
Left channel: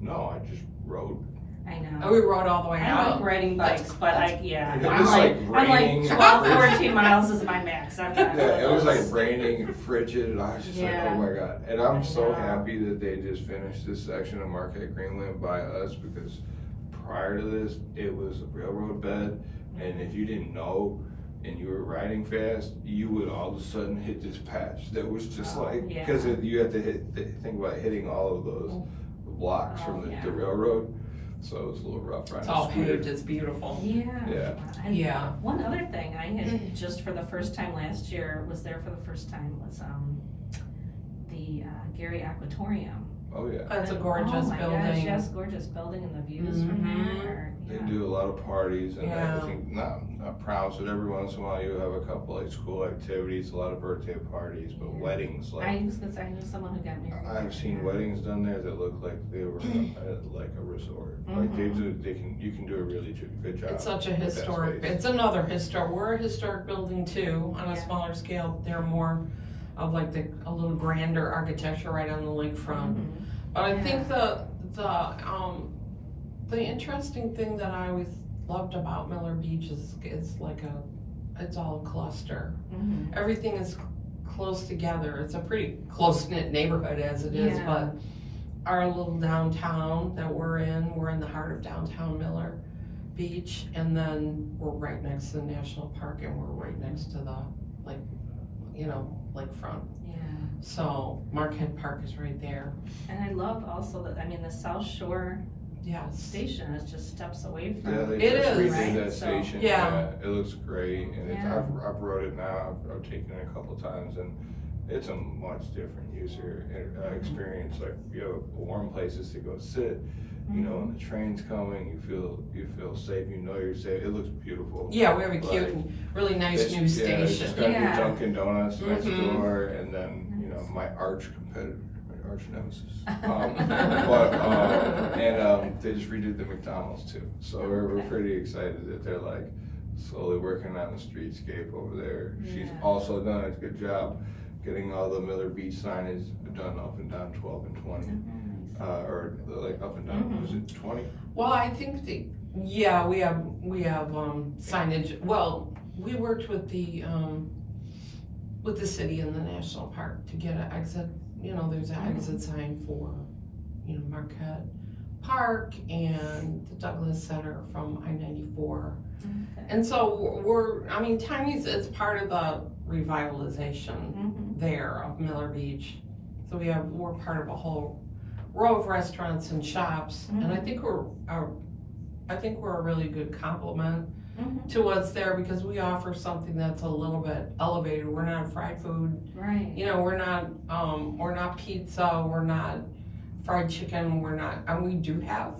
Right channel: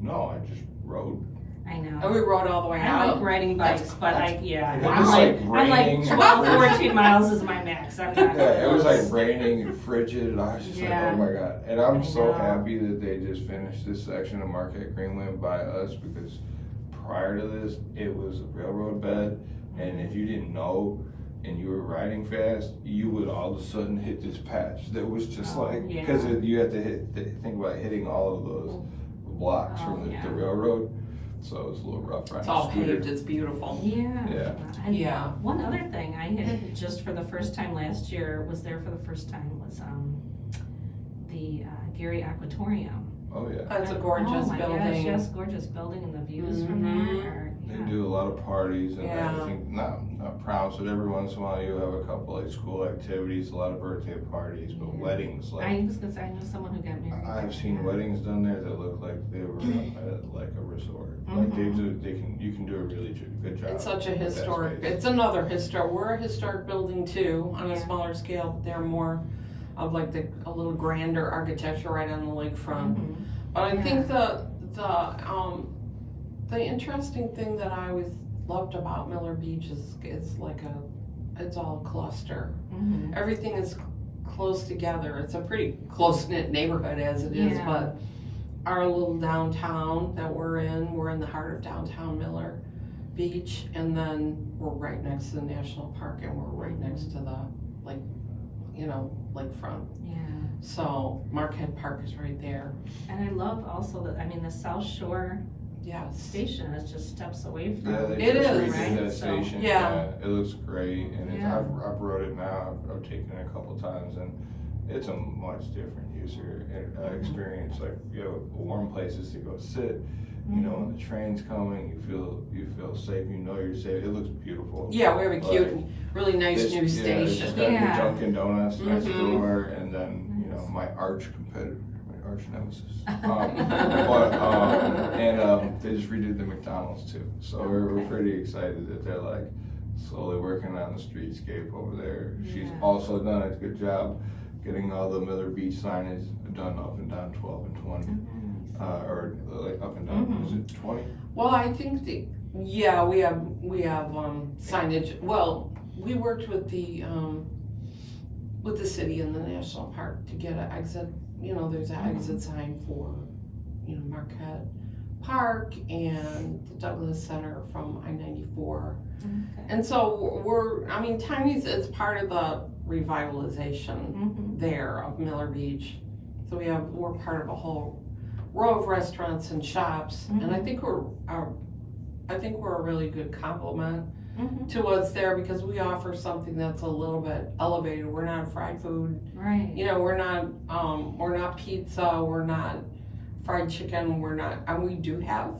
no, I just rode. I And know. we rode all the way I out. like riding bikes, but yeah, It I'm was, like, like, raining 12, and 14 miles is my max. I'm not Yeah, it was close. like raining and frigid, and I was just Yeah. like, oh my god. And I'm I so know. happy that they just finished this section of Marquette Greenland by us, because prior to this, it was a railroad bed, and if you didn't know and you were riding fast, you would all of a sudden hit this patch that was just Oh, like, yeah. because you had to think about hitting all of those blocks Oh, from the yeah. railroad, so it was a little rough riding. It's all the scooter. paved. It's beautiful. Yeah. Yeah. And Yeah. one other thing I had just for the first time last year, was there for the first time, was the Gary Aquatorium. Oh yeah. That's a Oh gorgeous my gosh, building. yes, gorgeous building, and the views from Mhm. there are, They yeah. do a lot of parties, and Yeah. I think not proms, but every once in a while you have a couple like school activities, a lot of birthday parties, but Yeah. weddings, like I was gonna say, I know someone who got married there. I've seen yeah. weddings done there that look like they were at like a resort. Like you can do a really good job. It's such a with that historic, space. it's another we're a historic building too, on a Yeah. smaller scale. They're more of like a little grander architecture right on the lakefront. Mhm. But I Yeah. think the interesting thing that I always loved about Miller Beach is it's all a cluster. Mhm. Everything is close together. It's a pretty close-knit neighborhood as it is, Yeah. but our little downtown that we're in the heart of downtown Miller Beach, and then we're right next to the National Park, and we're right next to the lakefront. Yeah. So Marquette Park is right there. And I love also that, I mean, the South Shore Yes. station is just steps away Yeah, from. they It just is. redid Right, that so- station. Yeah. It looks great, and Yeah. I've rode it now. I've taken it a couple times, and it's a much different user experience. Like, you have warm places to go sit. You know, when the train's coming, you feel safe. You know you're safe. It looks beautiful. Yeah, we have a But cute and really nice It's- new Yeah, it's station. just got Yeah. your Dunkin' Donuts next Mhm. door, and then my arch competitor, my arch nemesis. They just redid the McDonald's too. So we're Okay. pretty excited that they're like slowly working on the streetscape over there. She's Yeah. also done a good job getting all the Miller Beach signage done up and down 12 and 20, or like up and down. Is it 20? Well, I think we have signage. Well, we worked with the city and the national park to get an exit. There's an exit sign for Marquette Park and the Douglas Center from I-94. Okay. And so Tiny's is part of the revitalization Mhm. there of Miller Beach. So we're part of a whole row of restaurants and shops, and I think we're a really good complement Mhm. to what's there, because we offer something that's a little bit elevated. We're not fried food, Right. we're not pizza, we're not fried chicken, and we do have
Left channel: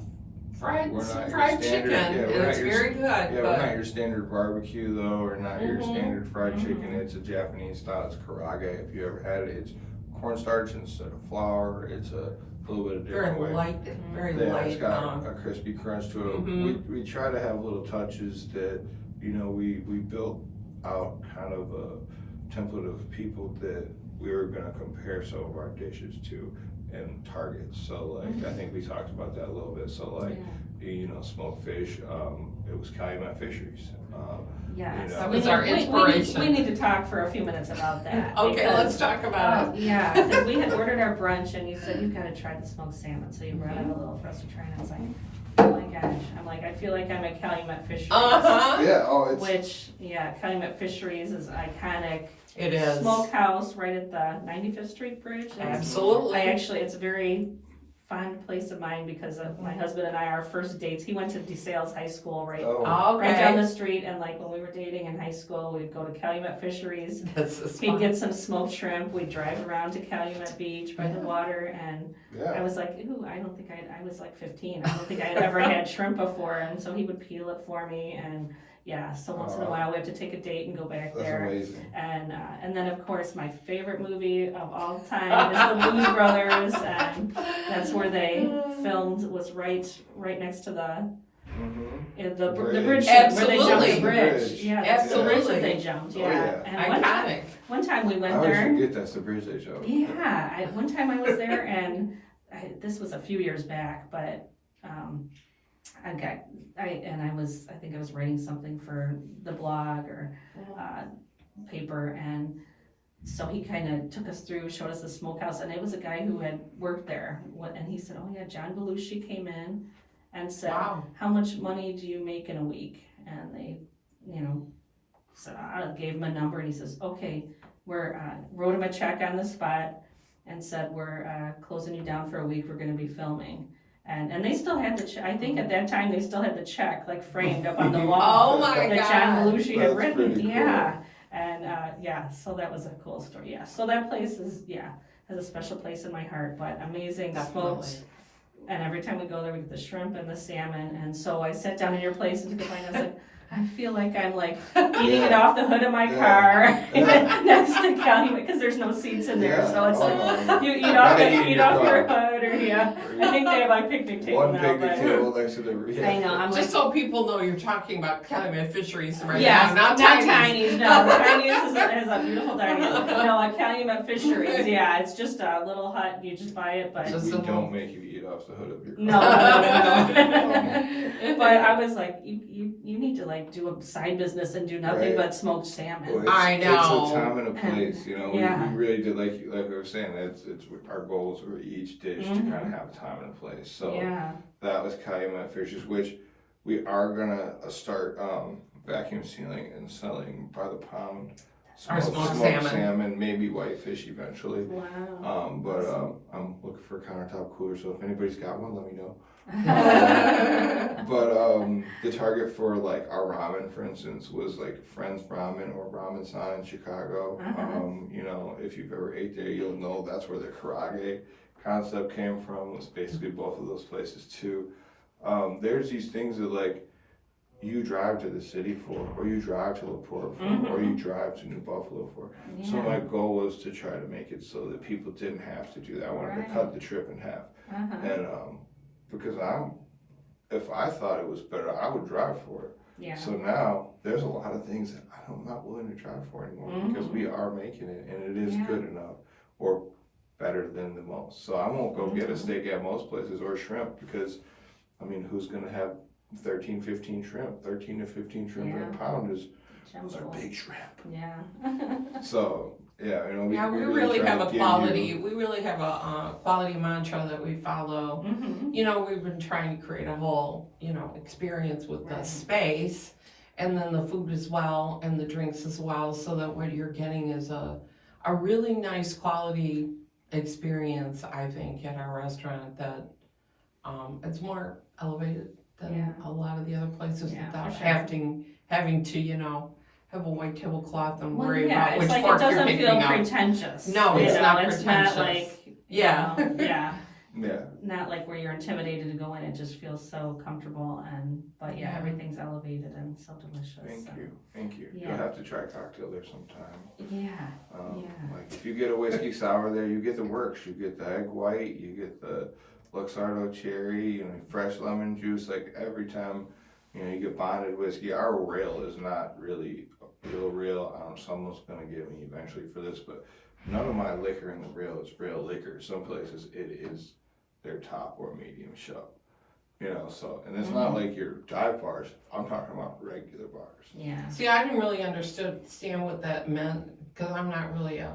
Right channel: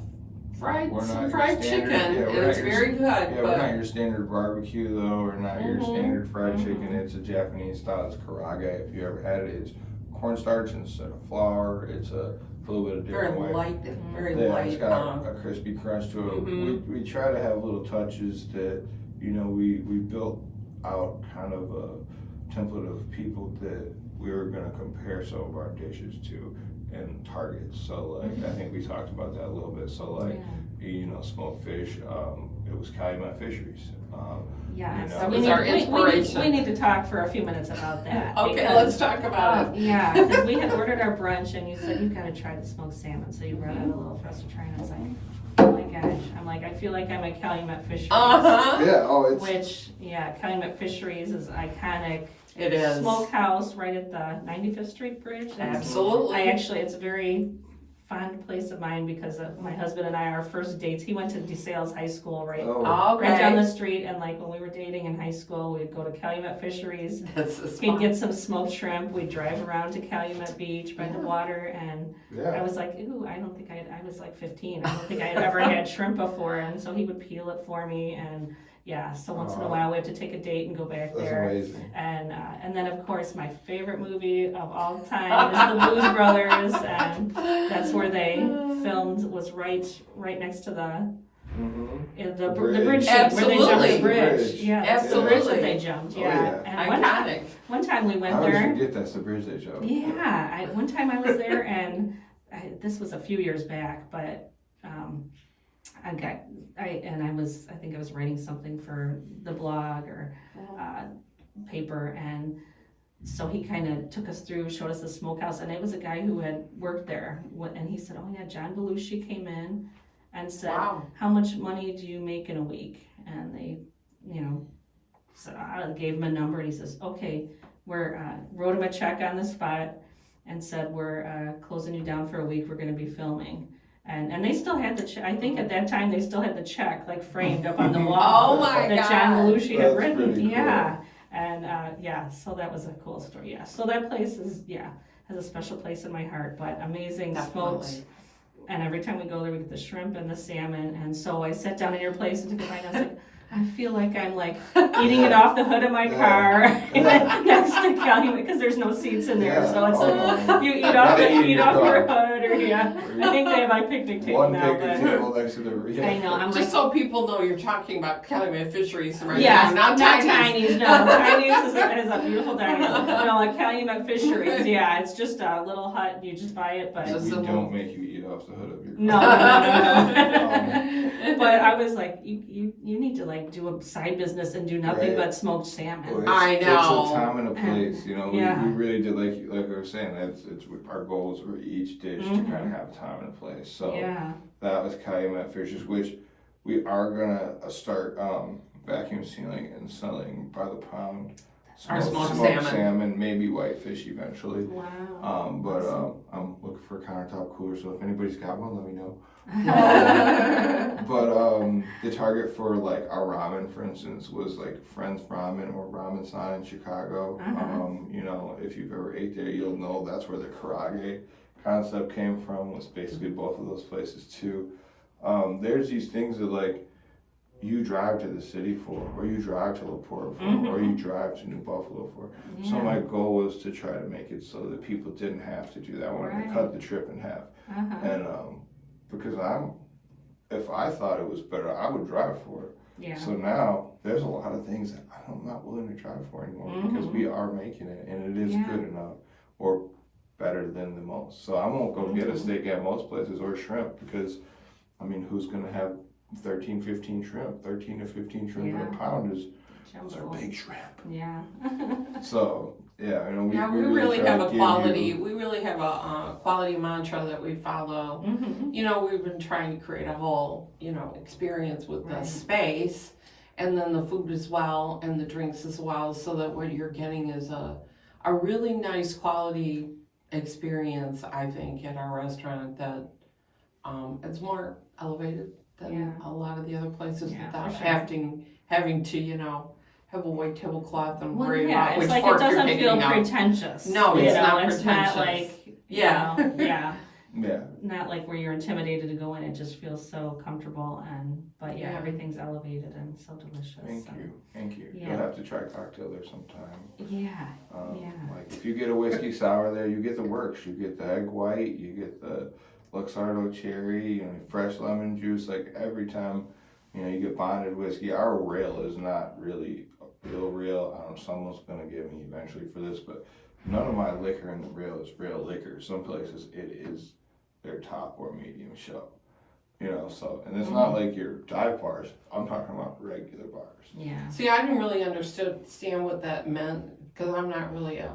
We're not some your fried standard- chicken, yeah, and we're it's not your- very good, Yeah, we're not but your standard barbecue though, or not your Mhm. standard fried Mhm. chicken. It's a Japanese style. It's karaage. If you ever had it, it's cornstarch instead of flour. It's a little bit of different very way. light, very Yeah, light. it's got a crispy crunch to it. Mhm. We try to have little touches that, we built out kind of a template of people that we were gonna compare some of our dishes to. and targets. So like I think we talked about that a little bit. So like smoked fish. It was Calumet Fisheries. Yeah, that was our inspiration. We need to talk for a few minutes about that. Okay, because, let's talk about it. Yeah, because we had ordered our brunch and you said you've got to try the smoked salmon, so you brought out a little for us to try, and I was like, oh my gosh, I'm like, I feel like I'm at Calumet Fisheries. Yeah, Which, Calumet Fisheries is iconic. It is. Smokehouse right at the 95th Street Bridge. Absolutely. It's a very fond place of mine because of my husband and I, our first dates, he went to DeSales High School right down the street, and like when we were dating in high school, we'd go to Calumet Fisheries. He'd get some smoked shrimp, we'd drive around to Calumet Beach by the water, and I was like, ooh, I don't think I was like 15, I don't think I had ever had shrimp before, and so he would peel it for me, and so once in a while we have to take a date and go back there. That's amazing. And then of course my favorite movie of all time is The Blues Brothers, and that's where they filmed, was right next to the bridge scene where they jumped the bridge. Yeah, that's the bridge that they jumped. And iconic. One time we went I always there. forget that's the bridge they jumped. Yeah, one time I was there, and this was a few years back, but I think I was writing something for the blog or paper, and so he kind of took us through, showed us the smokehouse, and it was a guy who had worked there, and he said, oh yeah, John Belushi came in and said, wow, how much money do you make in a week? And they, said, I gave him a number, and he says, okay, wrote him a check on the spot and said, we're closing you down for a week, we're going to be filming. And they still had the check. I think at that time they still had the check like framed up on the wall. Oh my that God. John Belushi had That's written. pretty cool. And so that was a cool story. So that place has a special place in my heart. But amazing smoked. And every time we go there, we get the shrimp and the salmon. And so I sat down in your place and took a bite. And I was like, I feel like I'm like eating it off the hood of my car next to Calumet, because there's no seats in there. So it's like you eat off your hood, or I think they have like picnic table One now. picnic table next to the. I know. I'm just like, so people know you're talking about Calumet Fisheries right yes, now, not Tiny's. No, Tiny's is a beautiful dining. No, like Calumet Fisheries. Yeah, it's just a little hut. You just buy it, but We don't make you eat off the hood of your car. No. But I was like, you need to like do a side business and do nothing but smoked salmon. Well, I know. It's a time and a place, we Yeah. really did, like we were saying, it's our goals for each dish to kind of have a time and a place. So that was Calumet Fishes, which we are gonna start vacuum sealing and selling by the pound. Our smoked salmon, maybe whitefish eventually. Wow. But I'm looking for a countertop cooler, so if anybody's got one, let me know. But the target for like our ramen, for instance, was like Friends Ramen or Ramen San in Chicago. If you've ever ate there, you'll know that's where the karage concept came from. Was basically both of those places too. There's these things that like you drive to the city for, or you drive to La Porta for, or you drive to New Buffalo for. Yeah. So my goal was to try to make it so that people didn't have to do that. I wanted to cut the trip in half. And because if I thought it was better, I would drive for it. Yeah. So now there's a lot of things that I'm not willing to drive for anymore because we are making it, and it is good enough or better than the most. So I won't go get a steak at most places or shrimp because, I mean, who's going to have 13 to 15 shrimp per pound those are big shrimp. Yeah. So we really have a quality. We really have a quality mantra that we follow. We've been trying to create a whole experience with the space, and then the food as well, and the drinks as well, so that what you're getting is a really nice quality experience. I think at our restaurant that it's more elevated than a lot of the other places without having to have a white tablecloth and worry about which fork you're picking up. It doesn't feel pretentious. No, it's not pretentious. Not like, Yeah. Not like where you're intimidated to go in. It just feels so comfortable, but everything's elevated and so delicious. Thank you. Yeah. You'll have to try cocktail there sometime. Yeah. Like if you get a whiskey sour there, you get the works. You get the egg white, you get the Luxardo cherry, fresh lemon juice. Like every time, you get bonded whiskey. Our rail is not really real. Someone's gonna get me eventually for this, but none of my liquor in the grill is real liquor. Some places it is their top or medium shelf. You know, so, and it's not like your dive bars. I'm talking about regular bars. Yeah. See, I didn't really understand what that meant, because I'm not really a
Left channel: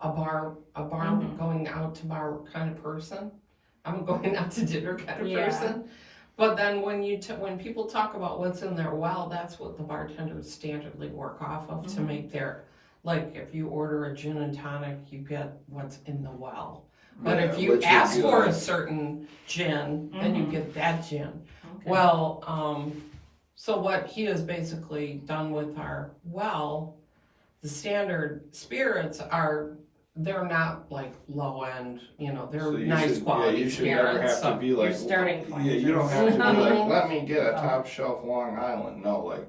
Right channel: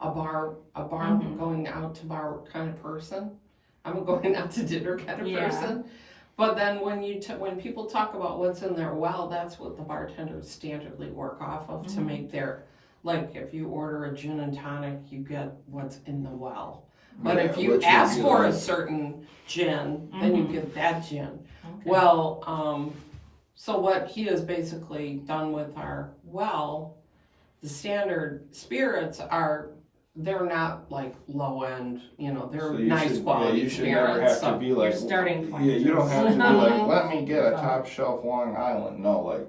bar going out to bar kind of person. I'm a going out to dinner kind of person. But then when people talk about what's in their well, that's what the bartenders standardly work off of to make their, like if you order a gin and tonic, you get what's in the well. But if you ask for a certain gin, then you get that gin. Okay. Well, so what he has basically done with our well, the standard spirits they're not like low end, they're So nice quality you should spirits. never have to be like, starting point. you don't have to be like, let me get a top shelf Long Island. No, like,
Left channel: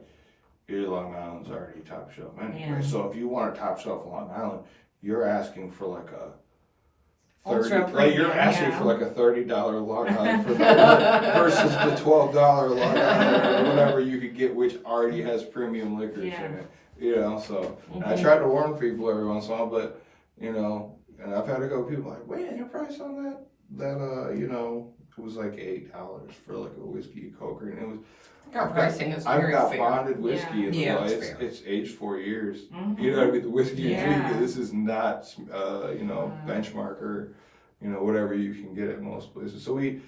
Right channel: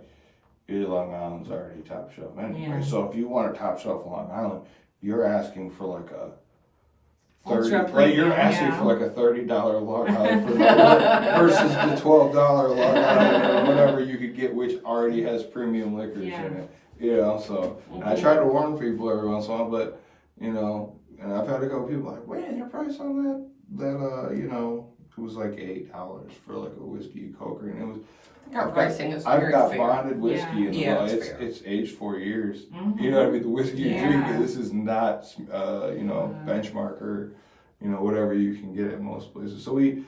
your Long Island's already top shelf anyway. Yeah. So if you want a top shelf Long Island, you're asking for like a Ultra $30, premium, you're asking yeah. for like a $30 Long Island versus the $12 Long Island or whatever you could get, which already has premium liquors in it. So and I try to warn people every once in a while, but and I've had a couple people like, wait, your price on that it was like $8 for like a whiskey Coker, and it was. Our pricing is I've very got fair. bonded whiskey in the well. it's fair. It's aged 4 years. You know what I mean? The whiskey you drink, this is not benchmark or whatever you can get at most places. So we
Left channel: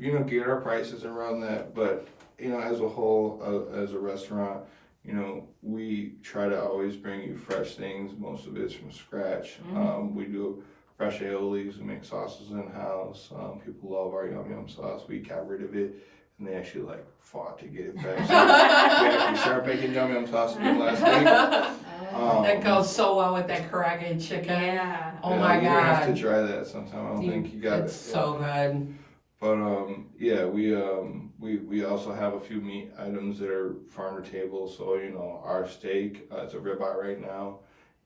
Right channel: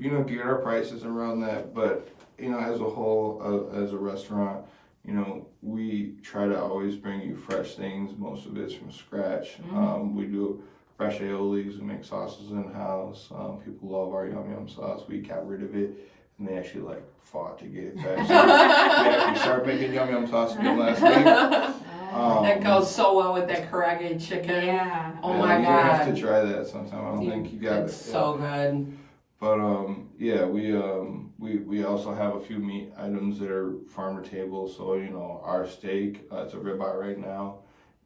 get our prices around that, but as a whole, as a restaurant, we try to always bring you fresh things. Most of it's from scratch. We do fresh aiolies. We make sauces in house. People love our yum yum sauce. We got rid of it, and they actually fought to get it back. So we actually started making yum yum sauce again last week. That goes so well with that karaage chicken. Yeah. Oh my you God. have to try that sometime. I don't think you got it. It's so good. But we also have a few meat items that are farm to table. So our steak, it's a ribeye right now,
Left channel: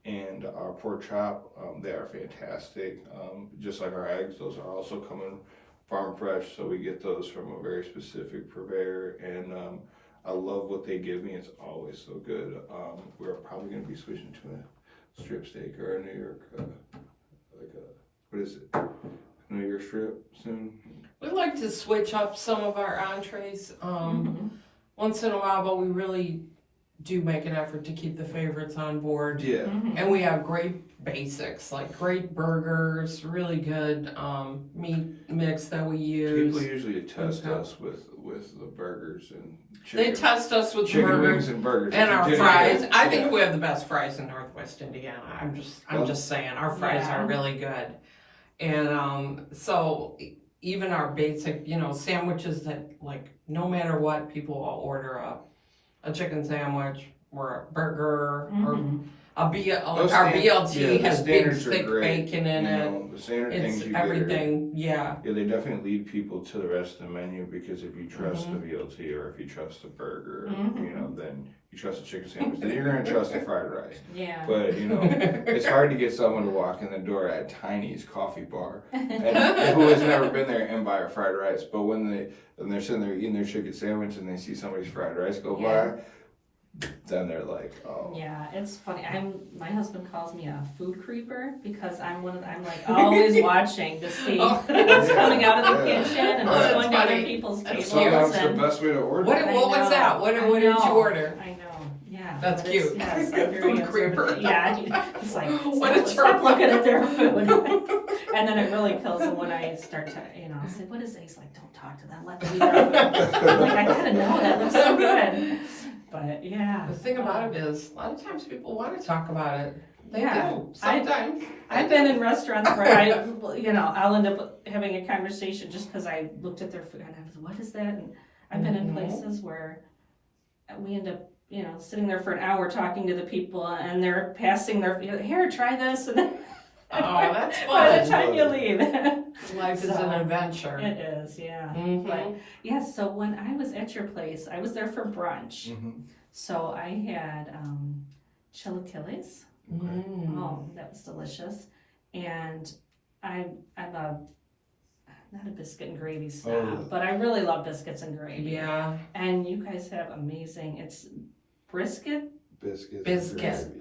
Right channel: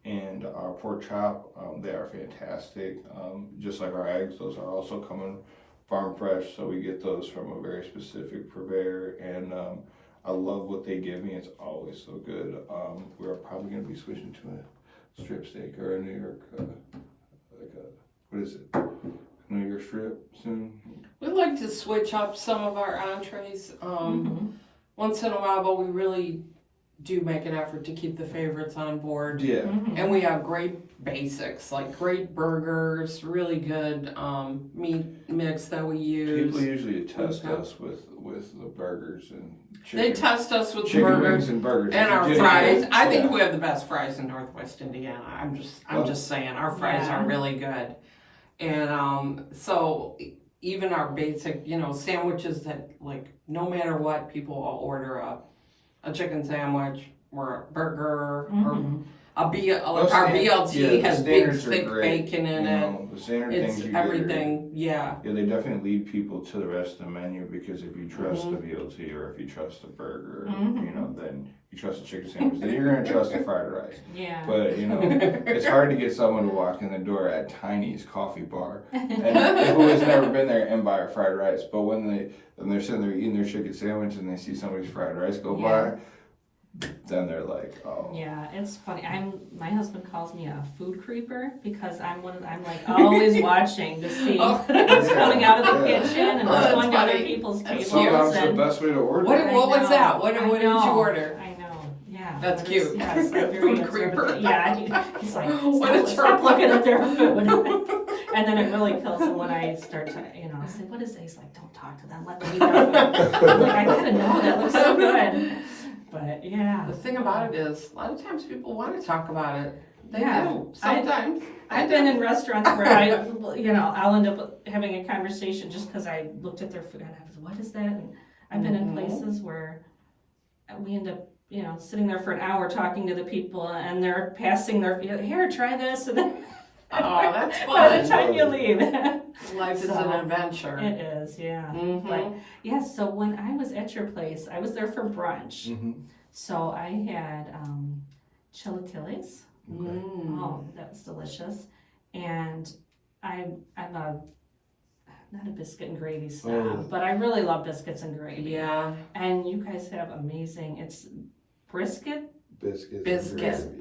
and our pork chop, they are fantastic. Just like our eggs, those are also coming farm fresh. So we get those from a very specific purveyor, and I love what they give me. It's always so good. We're probably going to be switching to a strip steak or a New York, what is it? New York strip soon. We like to switch up some of our entrees once in a while, but we really do make an effort to keep the favorites on board. Yeah. And we have great basics, like great burgers, really good meat mix that we use. People usually test us with the burgers and chicken. They test us with chicken burgers wings and burgers. and If you our didn't fries. get- I think we have the best fries in Northwest Indiana. I'm just saying, our fries are really good. And so even our basic, sandwiches that no matter what, people will order a chicken sandwich or a burger or our BLT has big thick bacon in it. The standard It's things you everything, Yeah, they definitely lead people to the rest of the menu, because if you trust the BLT or if you trust the burger, then you trust the chicken sandwich, then you're gonna trust the fried rice. Yeah. But it's hard to get someone to walk in the door at Tiny's Coffee Bar and who has never been there and buy a fried rice. But when they're sitting there eating their chicken sandwich and they see somebody's fried rice go by, then they're like, oh. Yeah, it's funny. My husband calls me a food creeper because I'm always watching to see what's coming out of the kitchen and what's going to other people's tables. Sometimes the And best way to order. What was that? What did you order? I know. Yeah. That's but cute. Yes, I'm very Food observant. creeper. Yeah, he's like, What a stop term. looking at their food. And then it really kills him when I start to, say, what is it? He's like, don't talk to them. Let them eat their food. I'm like, I gotta know. That looks so good. But yeah. The thing about it is, a lot of times people want to talk about it. They Yeah. do. Sometimes. I've been in restaurants where I'll end up having a conversation just because I looked at their food and I was, what is that? And I've been in places where we end up, sitting there for an hour talking to the people and they're passing their, here, try this. And then Oh, that's by the fun. time you leave. Life is an adventure. It is, yeah. Mhm. But yeah, so when I was at your place, I was there for brunch. So I had chilaquiles. Oh, that was delicious. And I'm not a biscuit and gravy snob, but I really love biscuits and gravy. Yeah. And you guys have amazing, it's brisket. Biscuits. Biscuit.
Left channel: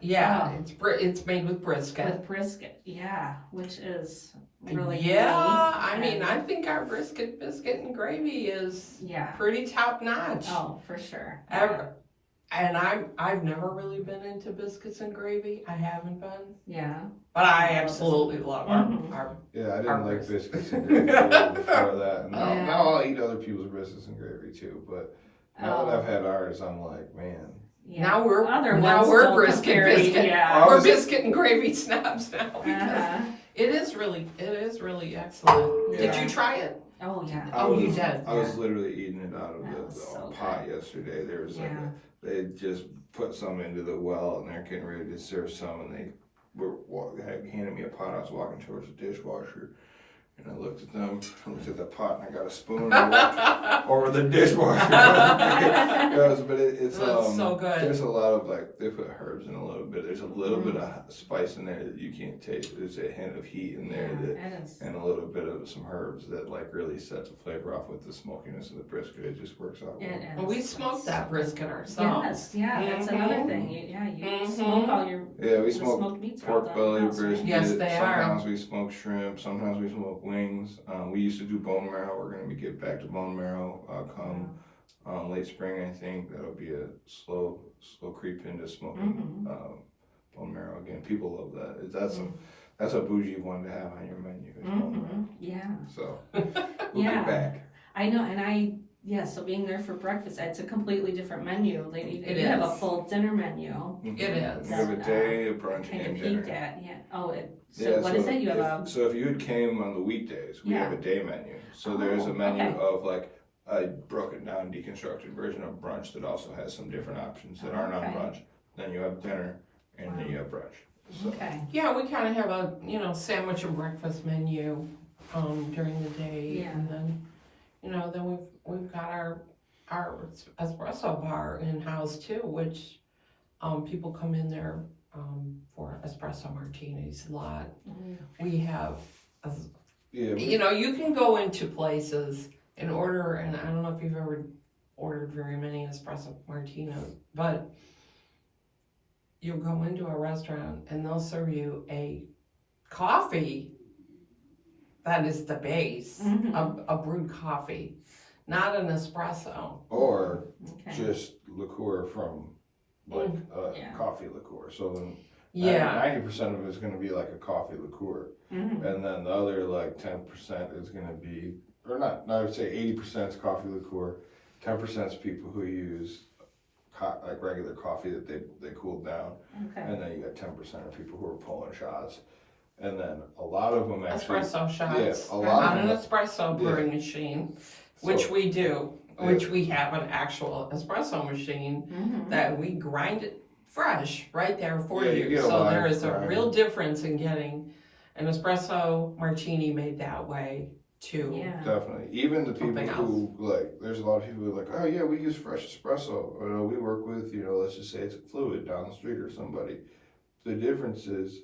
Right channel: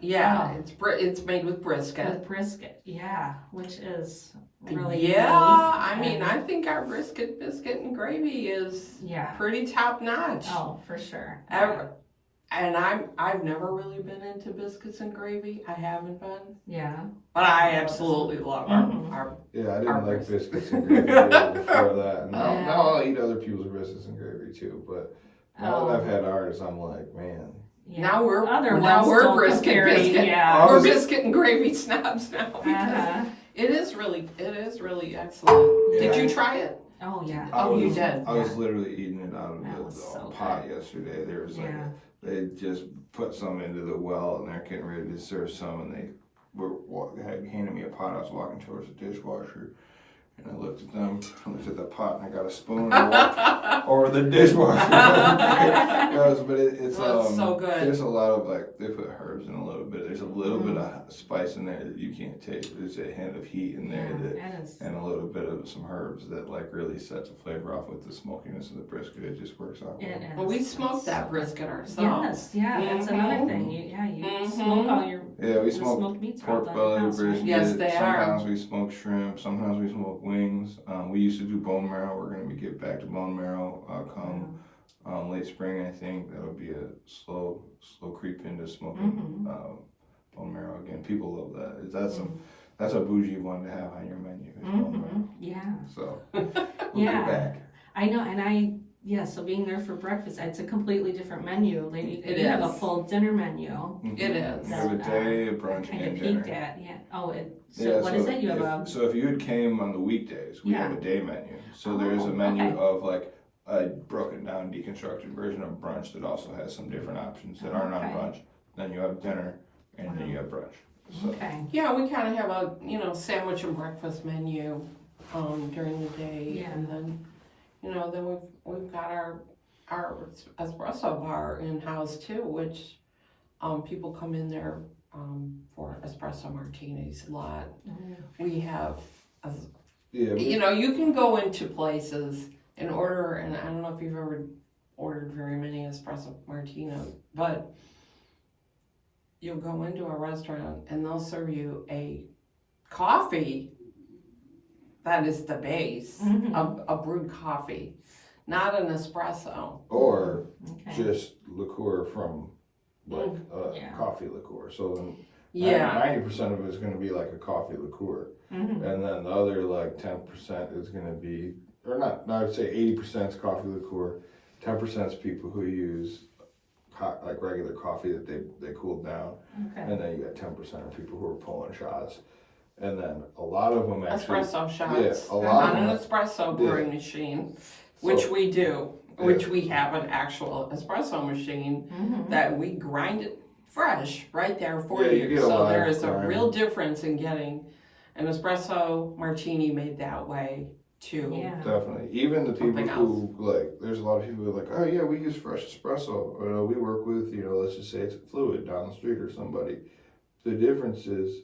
Yeah, Oh. it's made with brisket. With brisket, yeah, which is really Yeah, I unique. mean, I think our brisket, biscuit, and gravy is Yeah. pretty top notch. Oh, for sure. And I've never really been into biscuits and gravy. I haven't been. Yeah. But I absolutely love our Yeah, I didn't our like brisket. biscuits and gravy really before that. And Yeah. now I'll eat other people's biscuits and gravy too. But now that I've had ours, I'm like, man. Yeah. Now we're don't brisket, compare, biscuit. Yeah. We're biscuit and gravy snobs now because Uh-huh. it is really excellent. Yeah. Did you try it? Oh, yeah. You did. I was literally eating it out of That the was so pot yesterday. There was like Yeah. they just put some into the well and they're getting ready to serve some, and they had handed me a pot. I was walking towards the dishwasher, and I looked at them, looked at the pot, and I got a spoon and I walked over the dishwasher. It's so good. There's a lot of they put herbs in a little bit. There's a little bit of spice in there that you can't take. There's a hint of heat in there and a little bit of some herbs that really sets the flavor off with the smokiness of the brisket. It just works out well. Well, we smoked that brisket ourselves. Yes, yeah, that's another thing. You smoke all your we smoke smoked meats are all pork done belly, in-house, right? brisket. Yes, they are. Sometimes we smoke shrimp. Sometimes we smoke wings. We used to do bone marrow. We're going to get back to bone marrow come late spring, I think. That'll be a slow creep into smoking bone marrow again. People love that. That's a bougie one to have on your menu. Is bone marrow. Yeah. So we'll get back. I know, and so being there for breakfast, it's a completely different menu. You have a full dinner menu. It is. You have a day, a brunch, Kind and of dinner. peeked at, yeah. Oh, what is it? You have So if you had came on the weekdays, we have a day menu. So there's a menu of a broken down, deconstructed version of brunch that also has some different options that aren't on brunch. Then you have dinner, and then you have brunch. So. Okay. Yeah, we kind of have a sandwich and breakfast menu during the day, and then then we've got our espresso bar in house too, which people come in there for espresso martinis a lot. We have you can go into places and order, and I don't know if you've ever ordered very many espresso martinis, but you'll go into a restaurant and they'll serve you a coffee that is the base, a brewed coffee, not an espresso. Or just liqueur from coffee liqueur. So then 90% of it is going to be like a coffee liqueur. And then the other 10% is going to be, or not, I would say 80% is coffee liqueur, 10% is people who use regular coffee that they cooled down. And then you got 10% of people who are pulling shots. And then a lot of them actually... Espresso shots. Yeah, They're not an espresso brewing machine, which we do. Which we have an actual espresso machine that we grind it fresh right there for you. So there is a real difference in getting an espresso martini made that way too. Yeah. Definitely. Even the people who there's a lot of people who are like, oh yeah, we use fresh espresso. We work with, let's just say it's a Fluid down the street or somebody. The difference is,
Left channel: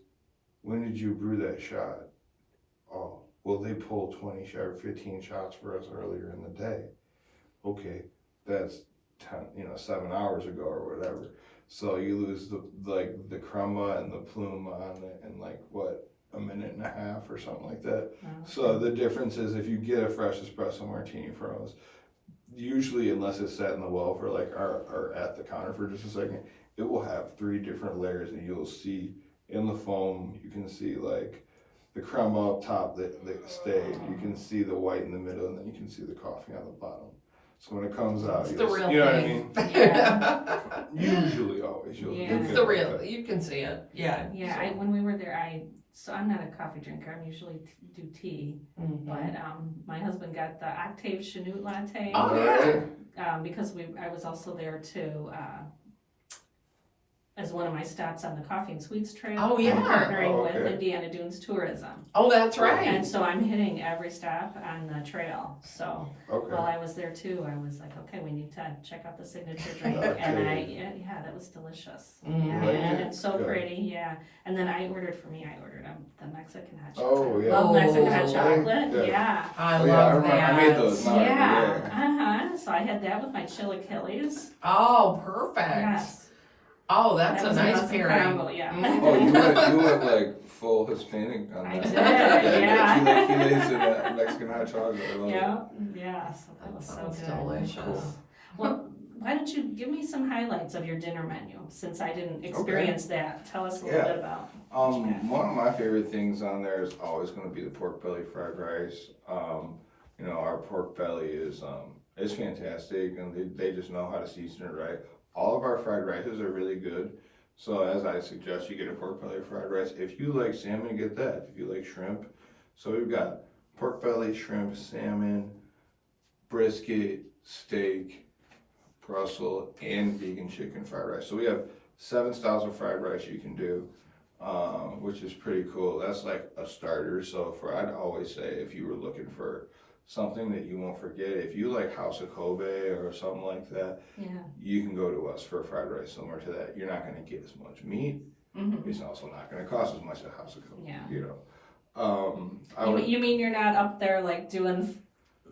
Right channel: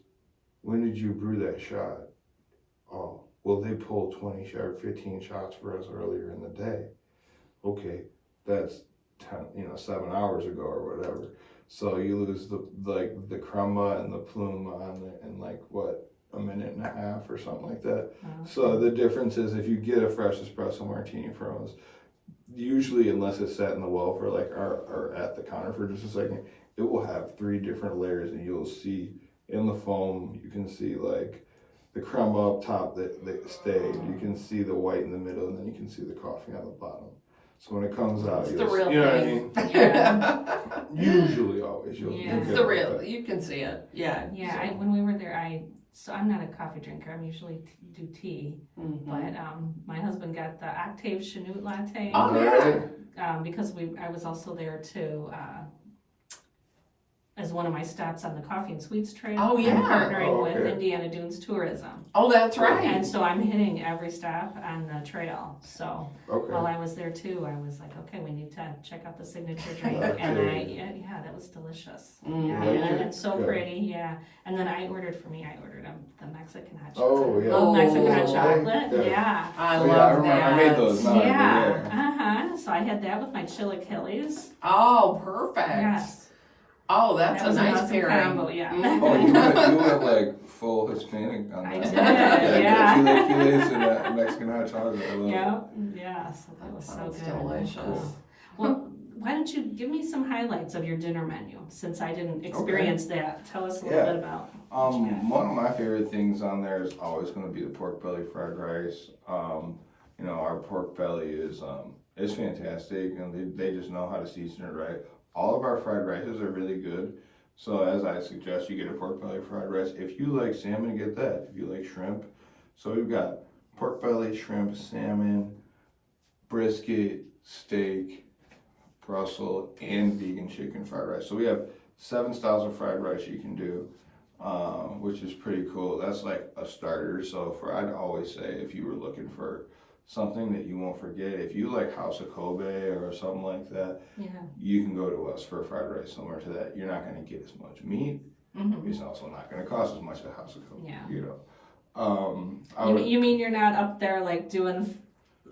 when did you brew that shot? Oh, well, they pulled 20 or 15 shots for us earlier in the day. Okay, that's 7 hours ago or whatever. So you lose the crema and the pluma on it in a minute and a half or something like that. So the difference is, if you get a fresh espresso martini from us, usually, unless it's sat in the well for or at the counter for just a second, it will have 3 different layers, and you'll see in the foam, you can see the crema up top that stayed. You can see the white in the middle, and then you can see the coffee on the bottom. So when it comes out, it's the real you know thing. what I mean? Usually, always. It's the real. You can see it. Yeah. Yeah. When we were there, I'm not a coffee drinker. I usually do tea. But my husband got the Octave Chanute latte. Oh yeah. Because I was also there too. As one of my stops on the Coffee and Sweets Trail. Oh, yeah. I'm partnering with Indiana Dunes Tourism. Oh, that's right. And so I'm hitting every stop on the trail. So while I was there too, I was like, okay, we need to check out the signature drink. And that was delicious. And so pretty, And then I ordered the Mexican hot chocolate. Oh, yeah. Love Mexican hot chocolate. Yeah. I love that. I made those. Yeah. So I had that with my chilaquiles. Oh, perfect. Yes. Oh, that's That a was nice awesome pairing. combo, yeah. Mhm. Oh, you went like full Hispanic on I that. did, yeah. Chilaquiles and Mexican hot chocolate. I love it. Yeah, so that was so Sounds good. delicious. Cool. Well, why don't you give me some highlights of your dinner menu, since I didn't experience that. Tell us a little Yeah. bit about what you got. One of my favorite things on there is always going to be the pork belly fried rice. You know, our pork belly is fantastic, and they just know how to season it right. All of our fried rices are really good. So as I suggest, you get a pork belly fried rice. If you like salmon, get that. If you like shrimp, so we've got pork belly, shrimp, salmon, brisket, steak, Brussels, and vegan chicken fried rice. So we have 7 styles of fried rice you can do, which is pretty cool. That's like a starter. So I'd always say, if you were looking for something that you won't forget, if you like House of Kobe or something like that, Yeah. you can go to us for fried rice similar to that. You're not going to get as much meat. Mm-hmm. It's also not going to cost as much as House of Kobe. Yeah. You know. You mean you're not up there like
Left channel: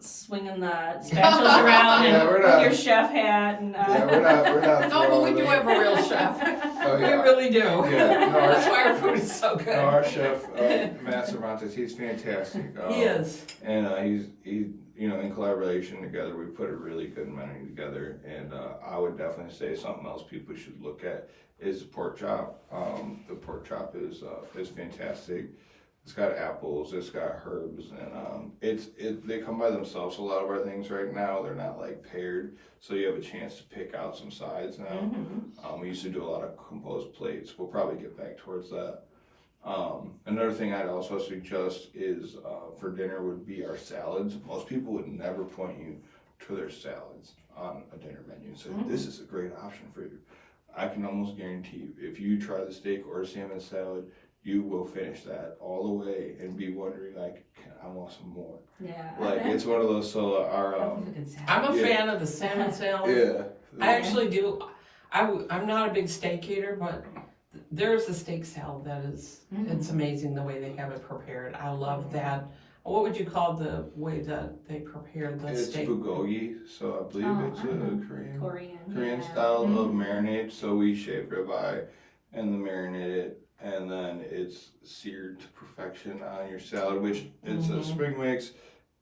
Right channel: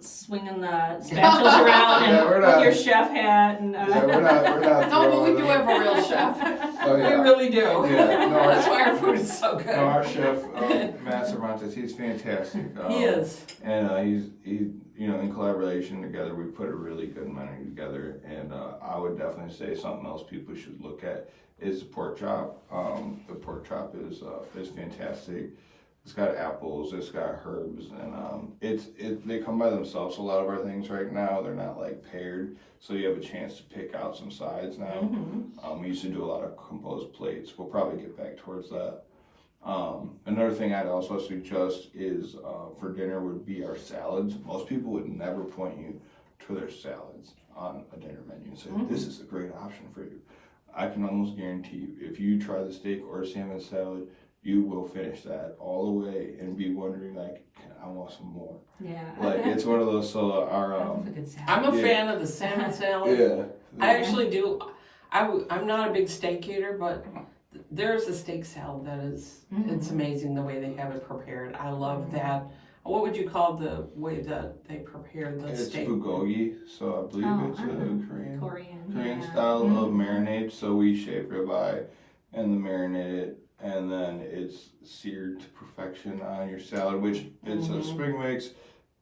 swinging the spatulas around Yeah, we're and not- with your chef hat and Yeah, we're not. No, but we throwing do them. have a real chef. Oh, We yeah. really do. Yeah, no, our- That's why our food is so good. No, our chef, Matt Cervantes, he's fantastic. He is. And he's you know, in collaboration together, we put a really good menu together. And I would definitely say something else people should look at is the pork chop. The pork chop is fantastic. It's got apples, it's got herbs, and they come by themselves. A lot of our things right now, they're not like paired, so you have a chance to pick out some sides now. Mm-hmm. We used to do a lot of composed plates. We'll probably get back towards that. Another thing I'd also suggest is for dinner would be our salads. Most people would never point you to their salads on a dinner menu and say, this is a great option for you. I can almost guarantee you, if you try the steak or salmon salad, you will finish that all the way and be wondering like, I want some more. Yeah. Like it's one of those. So our That's a good salad. I'm a Yeah. fan of the salmon salad. yeah. I actually do. I'm not a big steak eater, but there's a steak salad that is, it's amazing the way they have it prepared. I love that. What would you call the way that they prepare the It's steak? bulgogi, so I believe it's a Korean yeah. style of marinade. So we shape ribeye and then marinate it, and then it's seared to perfection on your salad, which it's a spring mix.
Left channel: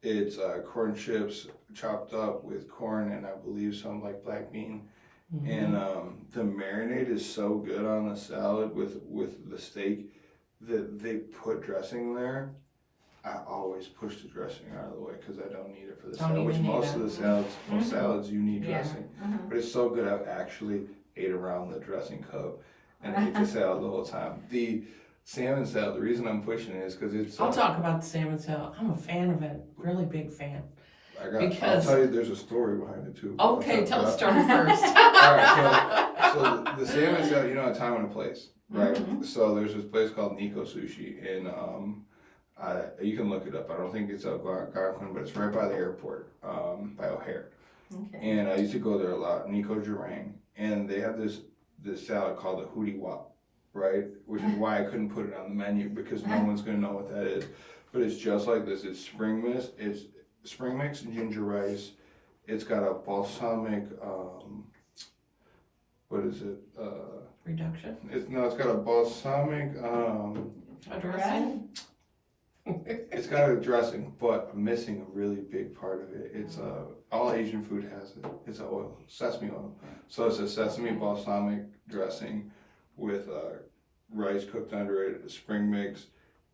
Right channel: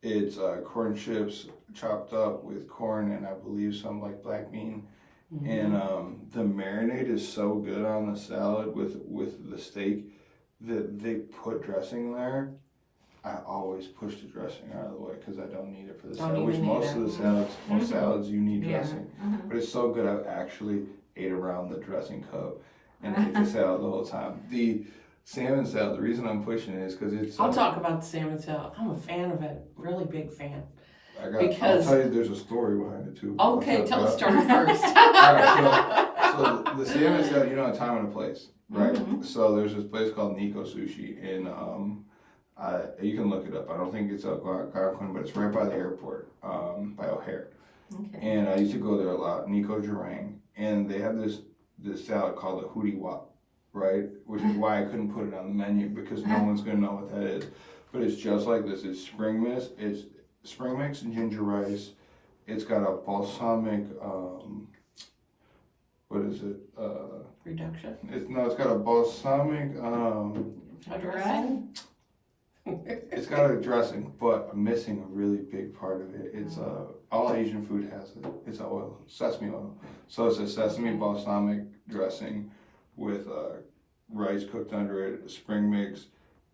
It's corn chips chopped up with corn and I believe some like black bean. And the marinade is so good on the salad with the steak that they put dressing there. I always push the dressing out of the way because I don't need it for the Don't salad. Which even need most it. of the salads, most salads you need Yeah. dressing. But it's so good I actually ate around the dressing cup and ate the salad the whole time. The salmon salad, the reason I'm pushing it is because it's. I'll talk about the salmon salad. I'm a fan of it. Really big fan. I'll tell you, there's a story behind it too. Okay, tell the us. story first. Alright, so the salmon salad, you know, a time and a place, right? So there's this place called Nico Sushi, and you can look it up. I don't think it's Algonquin, but it's right by the airport, by O'Hare. Okay. And I used to go there a lot, Nico Jarang, and they have this salad called the Hootie Wop, right? Which is why I couldn't put it on the menu because no one's gonna know what that is. But it's just like this. It's spring mix and ginger rice. It's got a balsamic, what is it? Reduction. It's got a balsamic, A dressing. it's got a dressing, but I'm missing a really big part of it. It's all Asian food has it. It's oil, sesame oil. So it's a sesame balsamic dressing with rice cooked under it, a spring mix,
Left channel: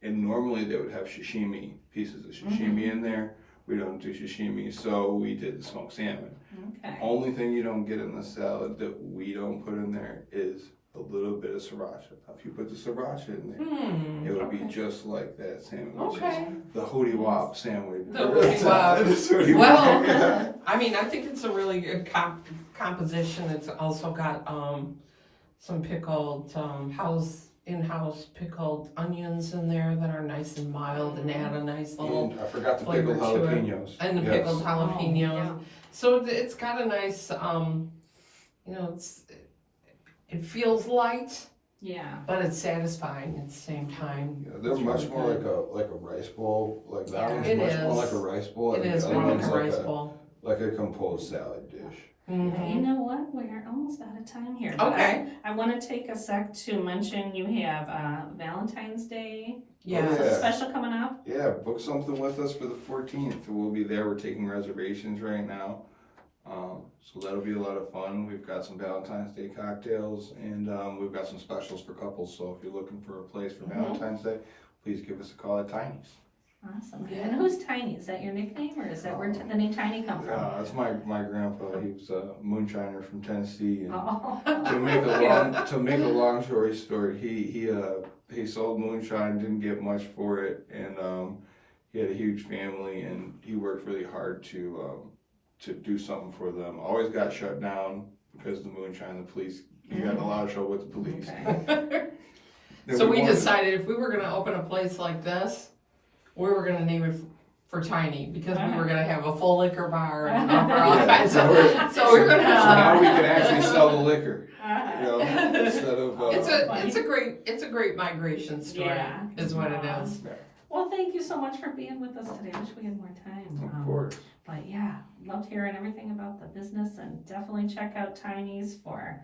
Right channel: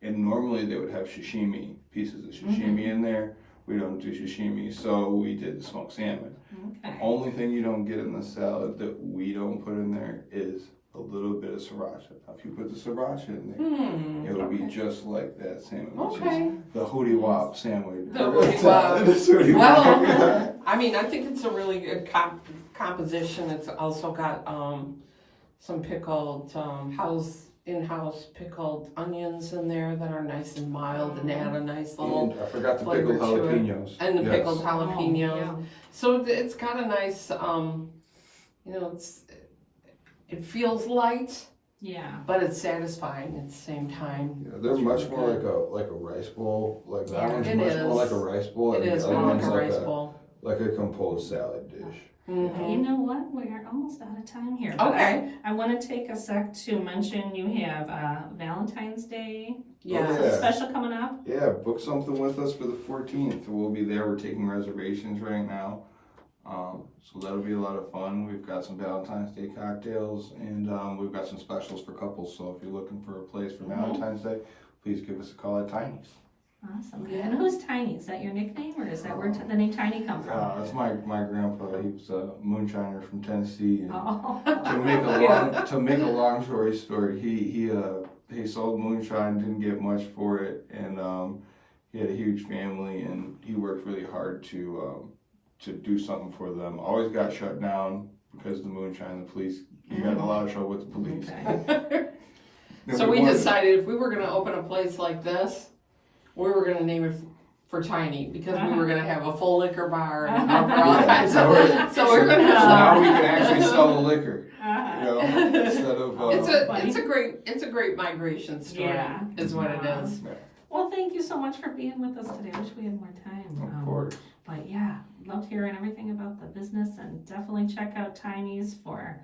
and normally they would have sashimi, pieces of sashimi in there. We don't do sashimi, so we did the smoked salmon. Okay. Only thing you don't get in the salad that we don't put in there is a little bit of sriracha. Now, if you put the sriracha in there, it would be just like that sandwich, which is the Hootie Wop sandwich. The Hootie Wop. The Hootie Wop. Well, I mean, I think it's a really good composition. It's also got some pickled in-house pickled onions in there that are nice and mild and add a nice little And I forgot the flavor pickled to it. jalapenos. And the Yes. pickled jalapenos. Yeah. So it's got a nice, it feels light, Yeah. but it's satisfying at the same time. Yeah, they're It's much really more good. like a rice bowl. Like that Yeah. one's It much is. more like a rice bowl. It and is the other more like one's a rice bowl. like a composed salad dish. Mhm. You know what? We are almost out of time here. But Okay. I want to take a sec to mention you have Valentine's Day Yeah. Oh, yeah. special coming up. Yeah, book something with us for the 14th. We'll be there. We're taking reservations right now. So that'll be a lot of fun. We've got some Valentine's Day cocktails, and we've got some specials for couples. So if you're looking for a place for Valentine's Day, please give us a call at Tiny's. Awesome. Yeah. And who's Tiny? Is that your nickname, or is that where the name Tiny come from? It's my grandpa. He was a moonshiner from Tennessee. And Oh. to make a long story short, he sold moonshine, didn't get much for it, and he had a huge family, and he worked really hard to do something for them. Always got shut down because of the moonshine. The police, he got in a lot of trouble with the police. Okay. So we decided if we were gonna open a place like this, we were gonna name it for Tiny, because we were gonna have a full liquor bar and all kinds of. So we're gonna So have. now we can actually sell the liquor, you know, instead of. It's a great migration story. Yeah. Is what it is. Well, thank you so much for being with us today. I wish we had more time. Of course. But yeah, loved hearing everything about the business, and definitely check out Tiny's for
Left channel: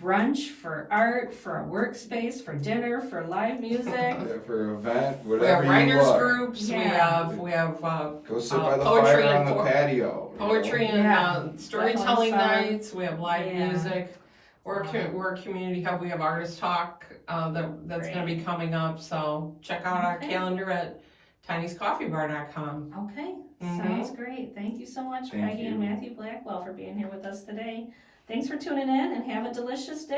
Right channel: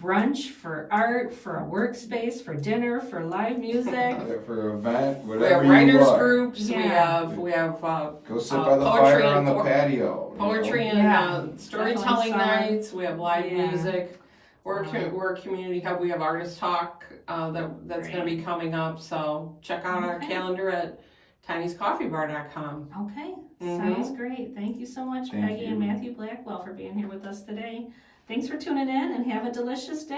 brunch, for art, for a workspace, for dinner, for live music. Yeah, for an event, We whatever have writers you want. groups. Yeah. We have Go sit by the poetry fire on and the patio. you know? poetry and Yeah. storytelling Definitely summer. nights. We have live Yeah. music. We're a community hub. We have artist talk that's going to be coming up. So check out our Okay. calendar at tinyscoffeebar.com. Okay, Mhm. sounds great. Thank you so much, Thank Peggy and you. Matthew Blackwell, for being here with us today. Thanks for tuning in, and have a delicious day.